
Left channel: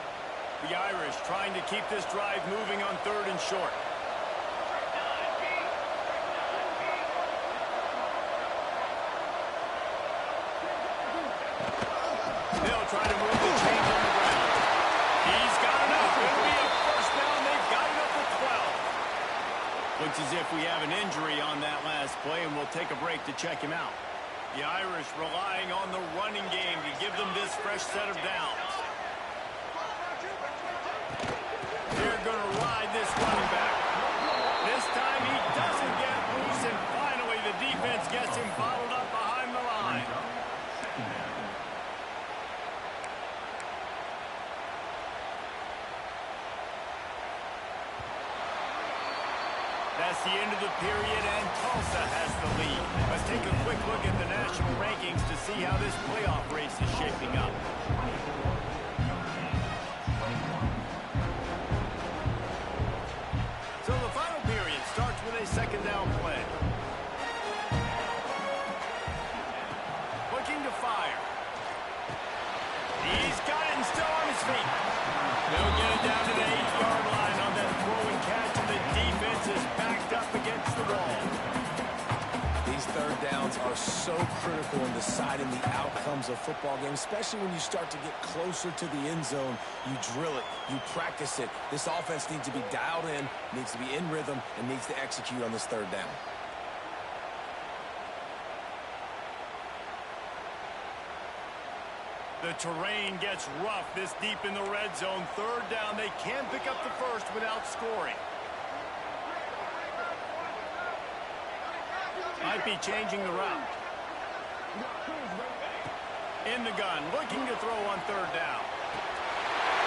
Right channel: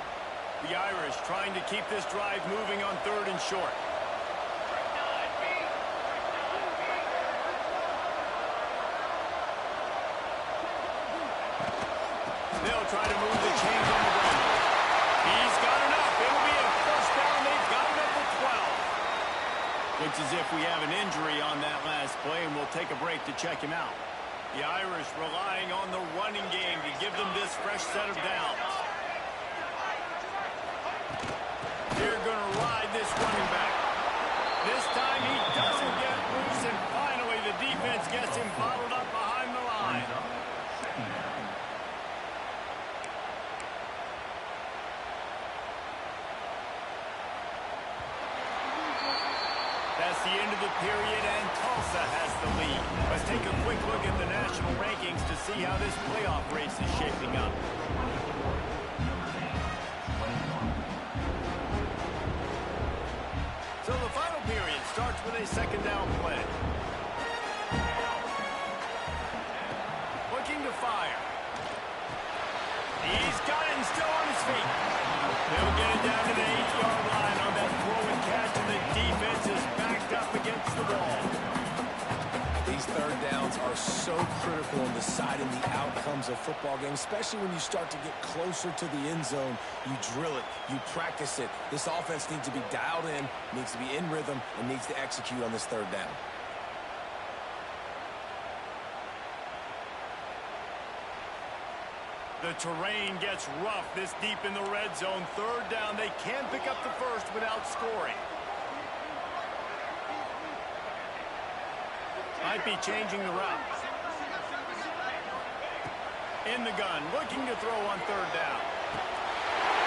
The Irish trying to keep this drive moving on 3rd and short. They'll try to move the chains on the ground. He's got enough. It'll be a 1st down. They've got it up to 12. Looks as if we have an injury on that last play, and we'll take a break to check him out. The Irish relying on the running game to give them this fresh set of downs. They're going to ride this running back. This time he doesn't get loose, and finally the defense gets him bottled up behind the line. That's the end of the period, and Tulsa has the lead. Let's take a quick look at the national rankings. rankings to see how this playoff race is shaping up. So the final period starts with a second down play. Looking to fire. He's got it and still on his feet. They'll get it down to the 8-yard line on that throw and catch, and the defense is backed up against the wall. These third downs are so critical in deciding the outcomes of football games, especially when you start to get closer to the end zone. You drill it, you practice it. This offense needs to be dialed in, needs to be in rhythm, and needs to execute on this third down. The terrain gets rough this deep in the red zone. Third down, they can pick up the first without scoring. Might be changing the route. In the gun, looking to throw on third down.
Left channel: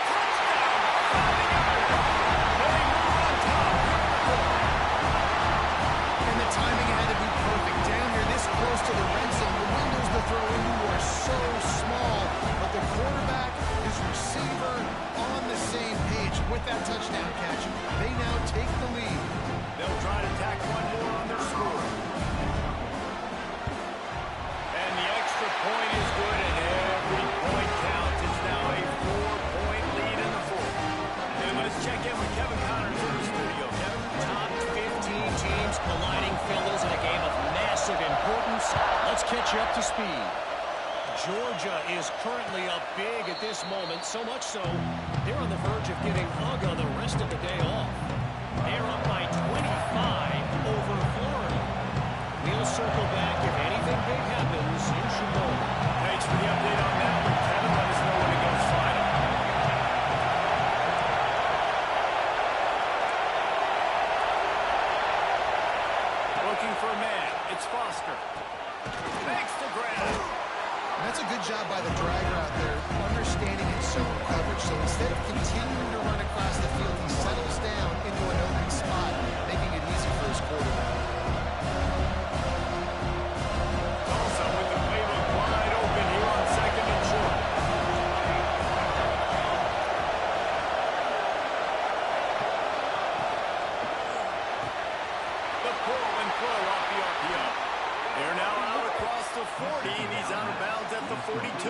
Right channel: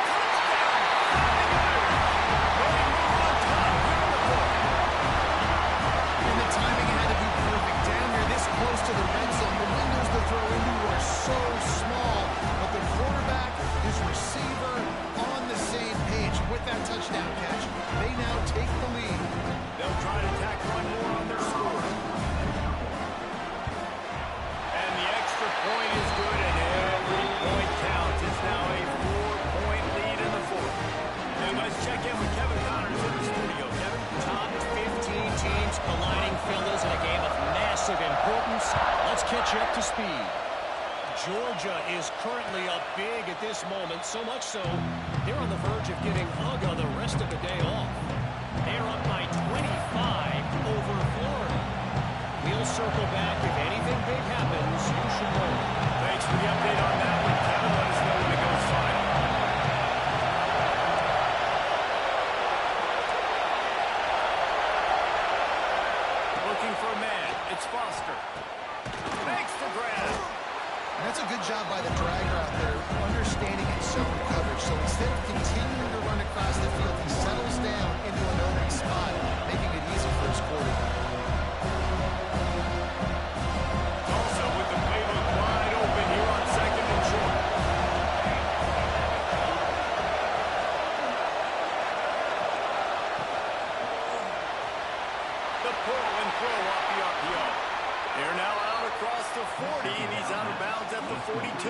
Touchdown! Fighting Irish! They move on top here in the fourth. And the timing had to be perfect. Down here this close to the red zone, the windows to throw into are so small, but the quarterback, his receiver, on the same page. With that touchdown catch, they now take the lead. They'll try to tack one more on their score. And the extra point is good, and every point counts. It's now a 4-point lead in the fourth. And let's check in with Kevin Connors in the studio. Kevin? Top 15 teams colliding, fellas, in a game of massive importance. Let's catch you up to speed. Georgia is currently up big at this moment, so much so they're on the verge of getting Uga the rest of the day off. They're up by 25 over Florida. We'll circle back. If anything big happens, you should know. Thanks for the update on that one, Kevin. Let us know when it goes final. Looking for a man. It's Foster. Makes the grab. And that's a good job by the dragger out there, understanding its zone coverage. So instead of continuing to run across the field, he settles down into an open spot, making it easy for his quarterback. Tulsa with the playbook wide open here on second and short. The pull and throw off the RPO. They're now out across the 40, and he's out of bounds at the 42.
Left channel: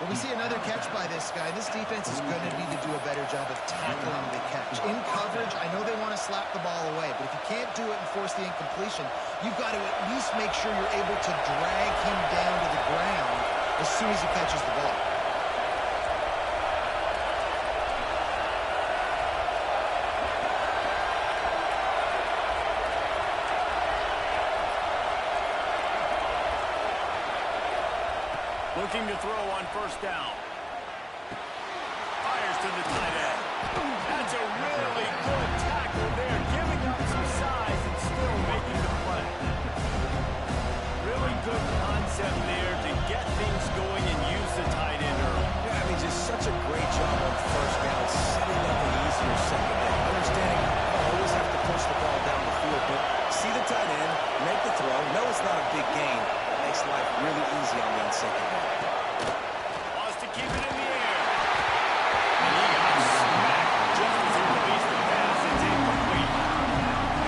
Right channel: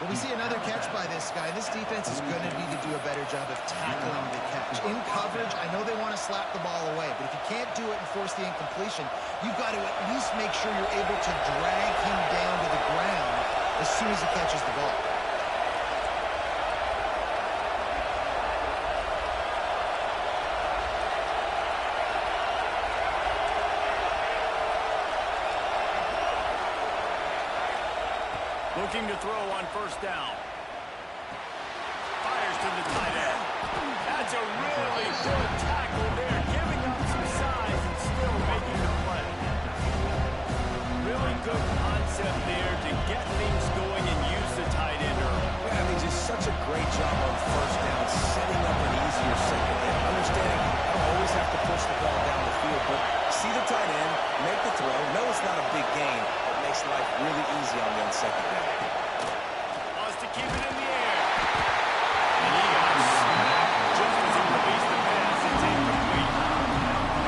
Well, we see another catch by this guy. This defense is going to need to do a better job of tackling the catch. In coverage, I know they want to slap the ball away, but if you can't do it and force the incompletion, you've got to at least make sure you're able to drag him down to the ground as soon as he catches the ball. Looking to throw on first down. Fires to the tight end. That's a really good tackle there, giving up some size and still making the play. Really good concept there to get things going and use the tight end early. Yeah, I mean, just such a great job on first down, setting up an easier second down. Understanding I don't always have to push the ball down the field, but see the tight end, make the throw. No, it's not a big gain. Makes life really easy on me on second down. Wants to keep it in the air. And he got smacked just as he released the pass. It's incomplete.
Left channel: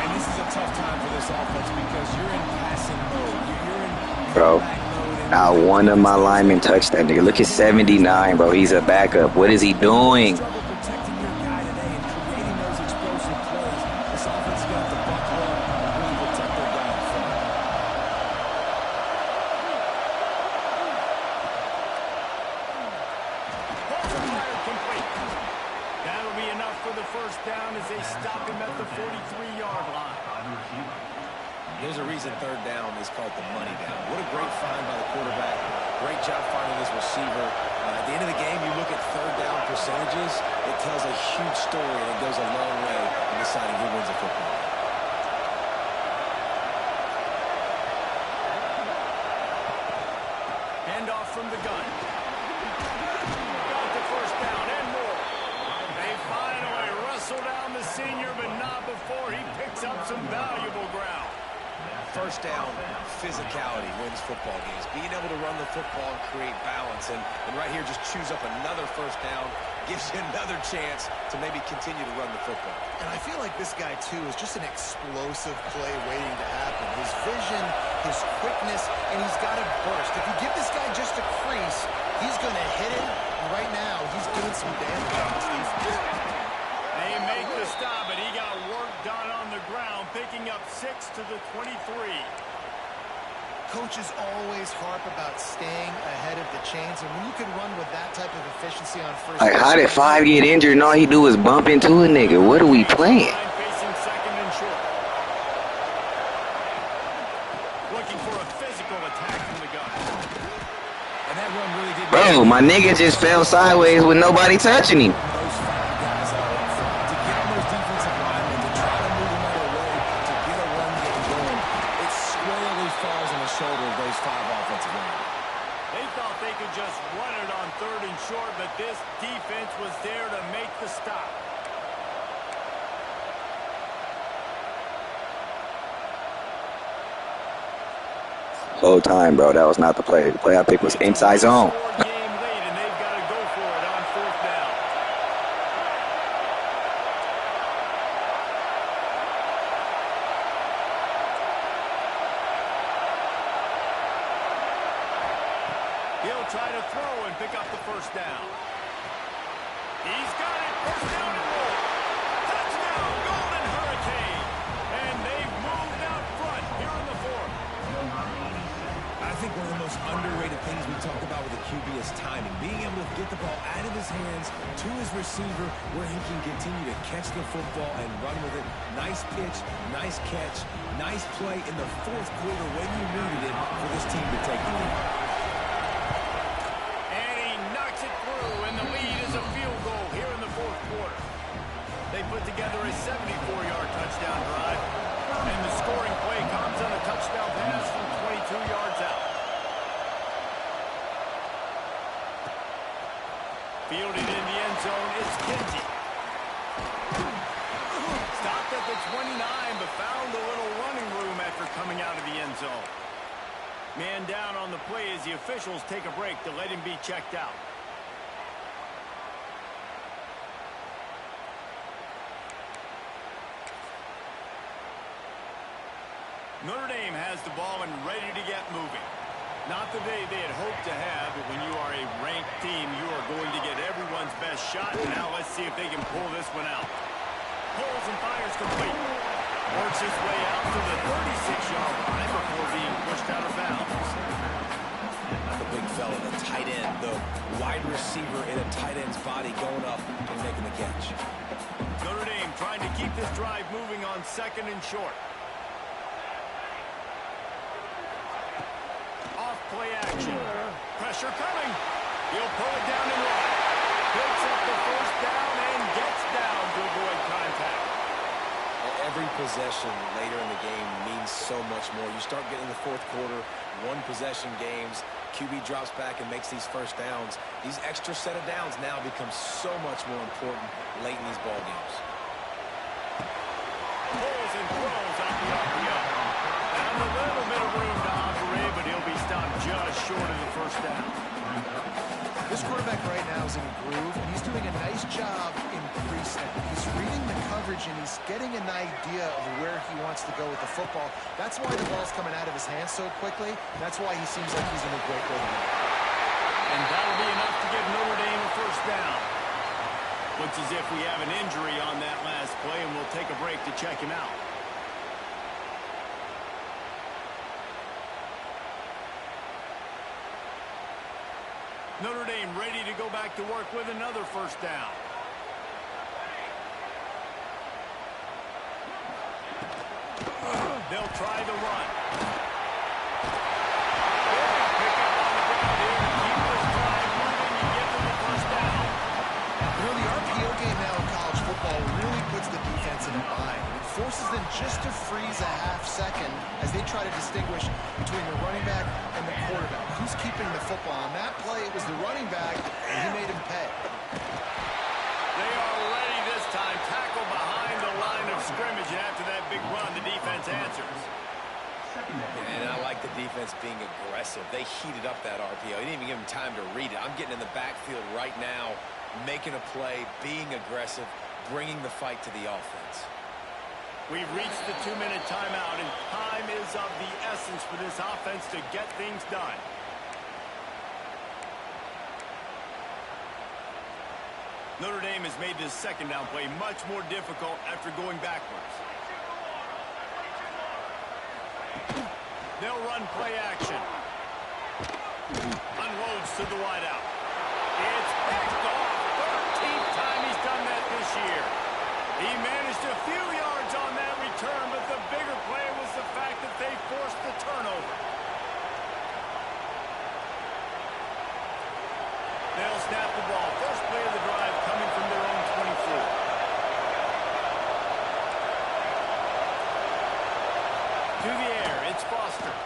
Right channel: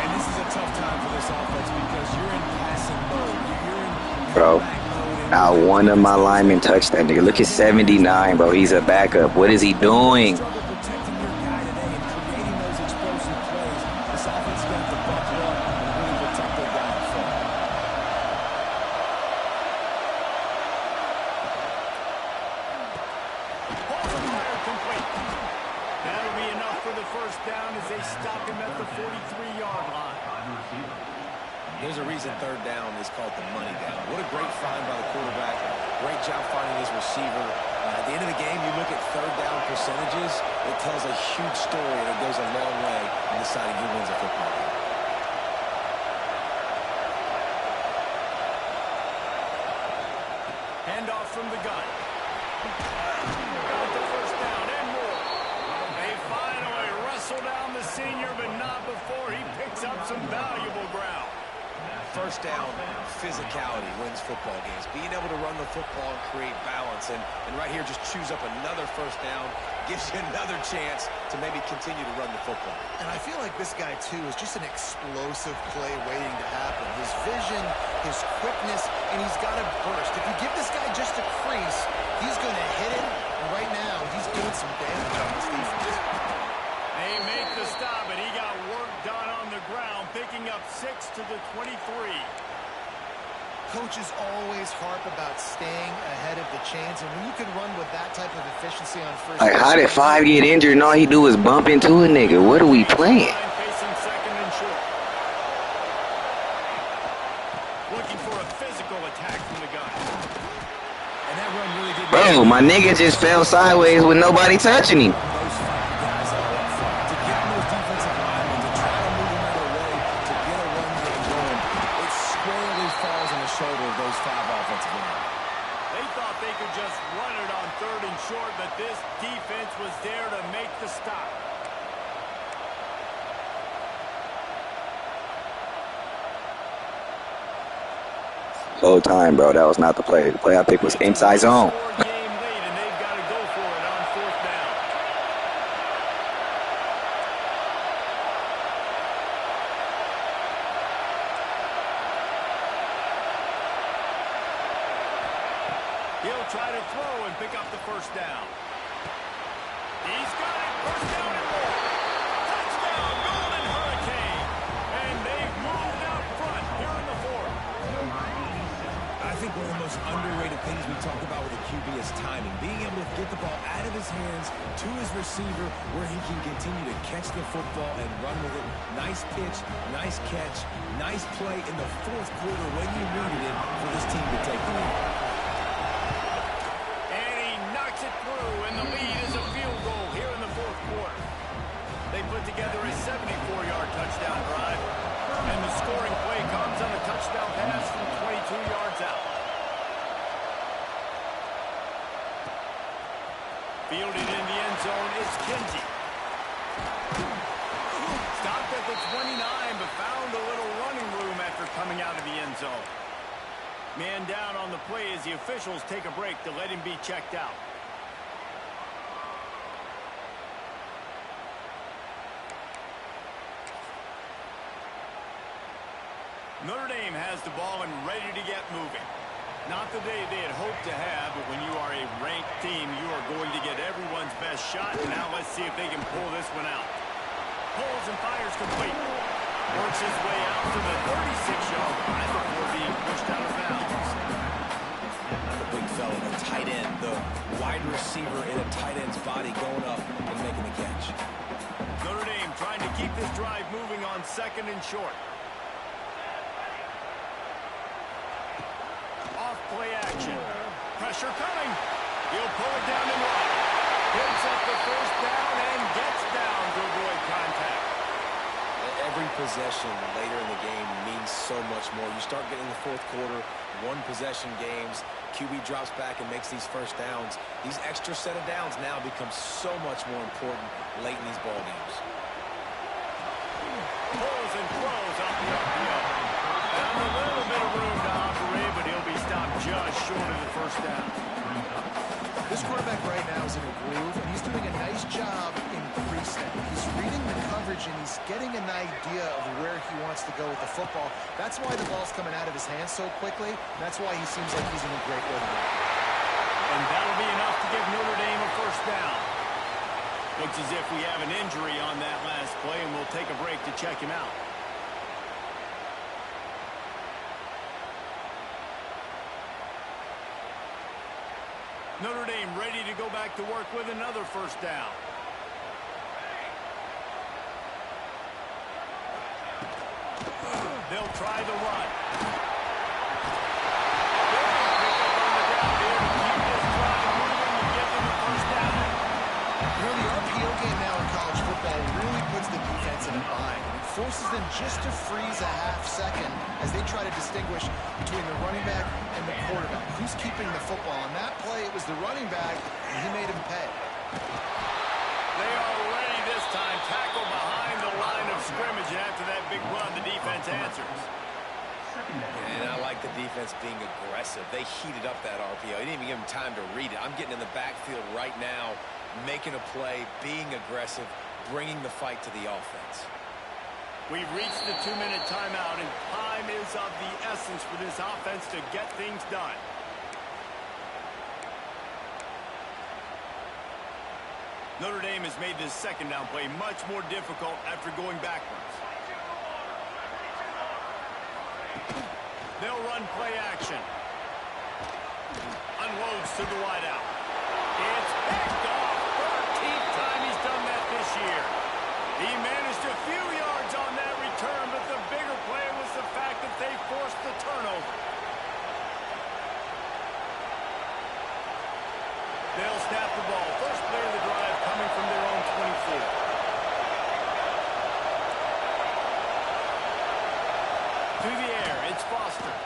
And this is a tough time for this offense because you're in passing mode. You're in Bro, back mode. not one of my linemen touched that nigga. Look at 79, bro. He's a backup. What is he doing? Struggle protecting your guy today and creating those explosive plays. This offense is going to have to buckle up and really protect their guy up front. Complete. That'll be enough for the first down as they stop him at the 43-yard line. There's a reason third down is called the money down. What a great find by the quarterback. Great job finding his receiver. At the end of the game, you look at third down percentages. It tells a huge story, and it goes a long way in deciding who wins a football game. Handoff from the gun. Got the first down and more. They finally wrestle down the senior, but not before he picks up some valuable ground. First down, physicality wins football games. Being able to run the football and create balance. And right here, just choose up another first down, gives you another chance to maybe continue to run the football. And I feel like this guy, too, is just an explosive play waiting to happen. His vision, his quickness, and he's got a burst. If you give this guy just a crease, he's going to hit it. And right now, he's doing some damage on this defense. They make the stop, and he got work done on the ground, picking up 6 to the 23. Coaches always harp about staying ahead of the chains, and when you can run with that type of efficiency on first Like, how did 5 get injured and all he do is bump into a nigga? What are we playing? Facing second and short. Looking for a physical attack from the gun. And that run really did. Bro, my nigga just fell sideways with nobody touching him. Those 5 guys are up front. To get on those defensive linemen, to try to move them out of the way, to get a run game going, it squarely falls on the shoulder of those 5 offensive linemen. They thought they could just run it on third and short, but this defense was there to make the stop. Whole time, bro, that was not the play. The play I picked was inside zone. Game late, and they've got to go for it on fourth down. He'll try to throw and pick up the first down. He's got it. First down and more. Touchdown, Golden Hurricane. And they've moved out front here in the fourth. I think one of the most underrated things we talk about with a QB is timing. Being able to get the ball out of his hands to his receiver where he can continue to catch the football and run with it. Nice pitch, nice catch, nice play in the fourth quarter when you needed it for this team to take the lead. And he knocks it through, and the lead is a field goal here in the fourth quarter. They put together a 74-yard touchdown drive, and the scoring play comes on a touchdown pass from 22 yards out. Fielded in the end zone is Kinsey. Stopped at the 29, but found a little running room after coming out of the end zone. Man down on the play as the officials take a break to let him be checked out. Notre Dame has the ball and ready to get moving. Not the day they had hoped to have, but when you are a ranked team, you are going to get everyone's best shot. And now let's see if they can pull this one out. Pulls and fires complete. Works his way out to the 36-yard line before being pushed out of bounds. The big fella, the tight end, the wide receiver in a tight end's body going up and making the catch. Notre Dame trying to keep this drive moving on second and short. Off play action. Pressure coming. He'll pull it down and run. Picks up the first down and gets down to avoid contact. Every possession later in the game means so much more. You start getting the fourth quarter, one possession games, QB drops back and makes these first downs. These extra set of downs now become so much more important late in these ball games. Pulls and throws off the RPO. Found a little bit of room to operate, but he'll be stopped just short of the first down. This quarterback right now is in a groove, and he's doing a nice job in pre-snap. He's reading the coverage, and he's getting an idea of where he wants to go with the football. That's why the ball's coming out of his hands so quickly. That's why he seems like he's in a great rhythm. And that'll be enough to give Notre Dame a first down. Looks as if we have an injury on that last play, and we'll take a break to check him out. Notre Dame ready to go back to work with another first down. They'll try the run. Big pickup on the ground here to keep this drive moving and get them the first down. You know, the RPO game now in college football really puts the defense in a bind. It forces them just to freeze a half second as they try to distinguish between the running back and the quarterback. Who's keeping the football? On that play, it was the running back, and he made him pay. They are ready this time. Tackle behind the line of scrimmage, and after that big run, the defense answers. second down. And I like the defense being aggressive. They heated up that RPO. He didn't even give him time to read it. I'm getting in the backfield right now, making a play, being aggressive, bringing the fight to the offense. We've reached the 2-minute timeout, and time is of the essence for this offense to get things done. Notre Dame has made this second down play much more difficult after going backwards. They'll run play action. Unloads to the wideout. It's picked off. 13th time he's done that this year. He managed a few yards on that return, but the bigger play was the fact that they forced the turnover. They'll snap the ball. First play of the drive coming from their own 24. To the air, it's Foster.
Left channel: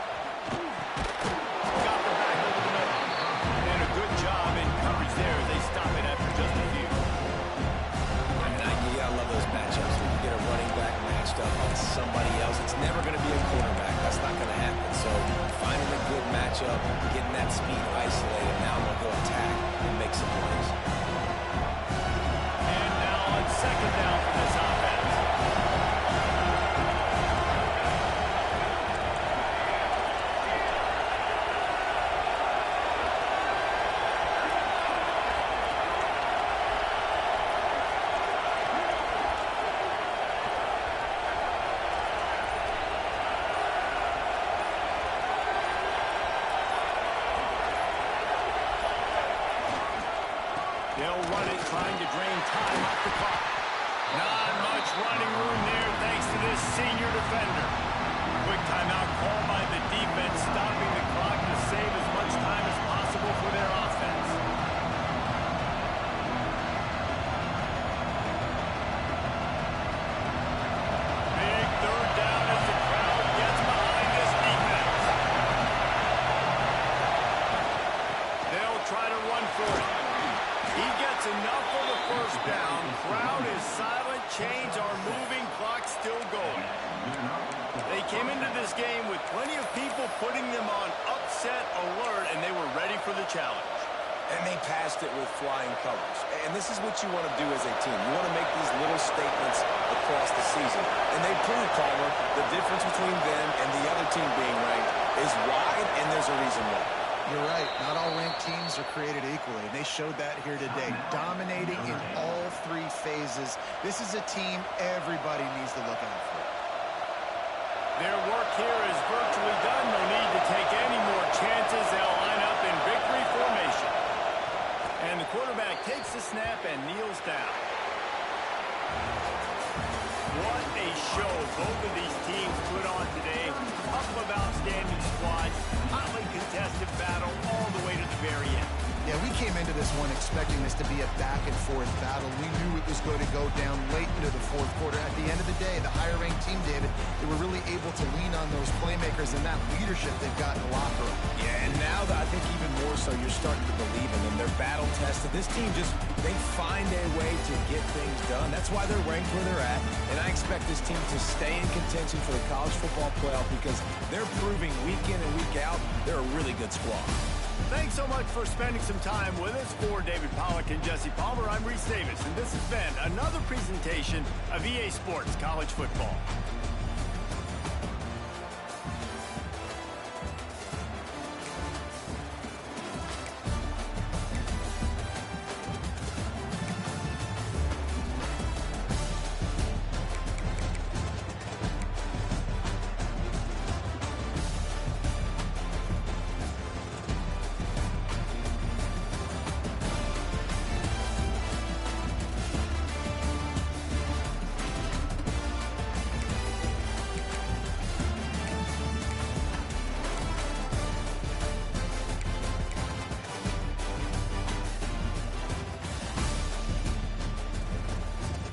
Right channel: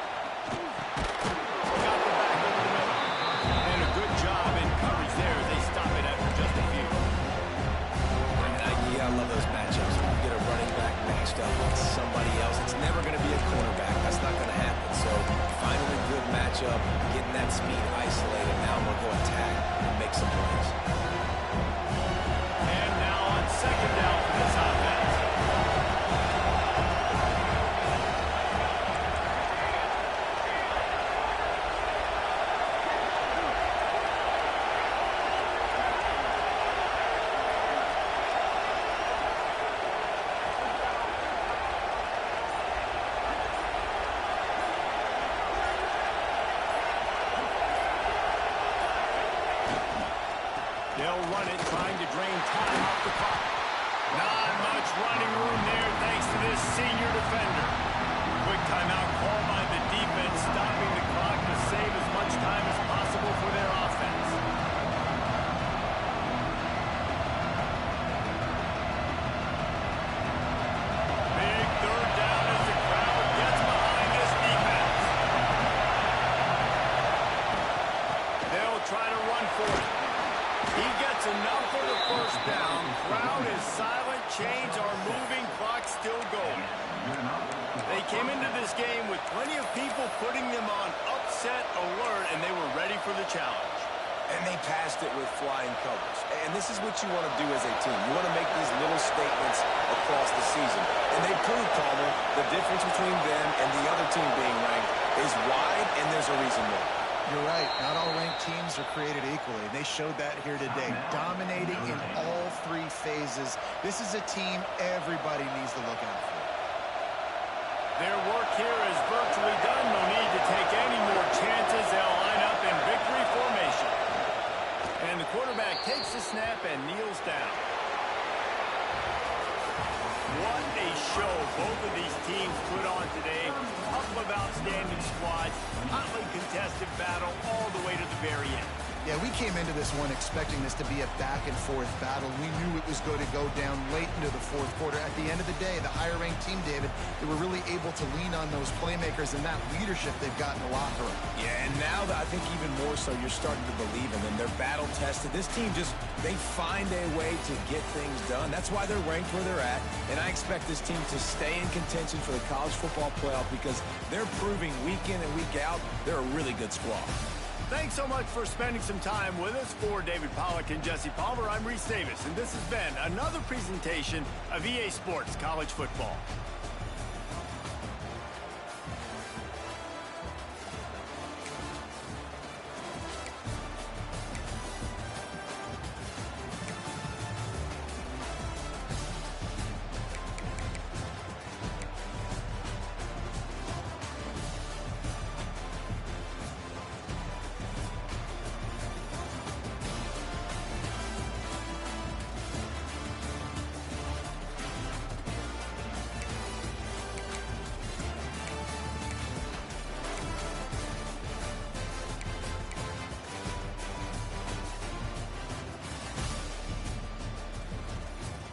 Got the back over the middle. And a good job in coverage there as they stop it after just a few. And you gotta love those matchups. When you get a running back matched up on somebody else, it's never going to be a cornerback. That's not going to happen. So finding a good matchup, getting that speed isolated. Now I'm going to go attack and make some plays. And now on second down for this offense. They'll run it, trying to drain time off the clock. Not much running room there thanks to this senior defender. Quick timeout called by the defense, stopping the clock to save as much time as possible for their offense. Big third down as the crowd gets behind this defense. They'll try to run for it. He gets enough for the first down. Crowd is silent. Chains are moving. Clock still going. They came into this game with plenty of people putting them on upset alert, and they were ready for the challenge. And they passed it with flying colors. And this is what you want to do as a team. You want to make these little statements across the season. And they proved, Palmer, the difference between them and the other team being ranked is wide, and there's a reason why. You're right. Not all ranked teams are created equally. They showed that here today, dominating in all three phases. This is a team everybody needs to look out for. Their work here is virtually done. No need to take any more chances. They'll line up in victory formation. And the quarterback takes the snap and kneels down. What a show both of these teams put on today. A couple of outstanding squads, hotly contested battle all the way to the very end. Yeah, we came into this one expecting this to be a back-and-forth battle. We knew it was going to go down late into the fourth quarter. At the end of the day, the higher-ranked team, David, they were really able to lean on those playmakers and that leadership they've got in the locker room. Yeah, and now that I think even more so, you're starting to believe in them. They're battle-tested. This team they find a way to get things done. That's why they're ranked where they're at. And I expect this team to stay in contention for the college football playoff because they're proving week in and week out they're a really good squad. Thanks so much for spending some time with us. For David Pollack and Jesse Palmer, I'm Reese Davis, and this has been another presentation of EA Sports College Football.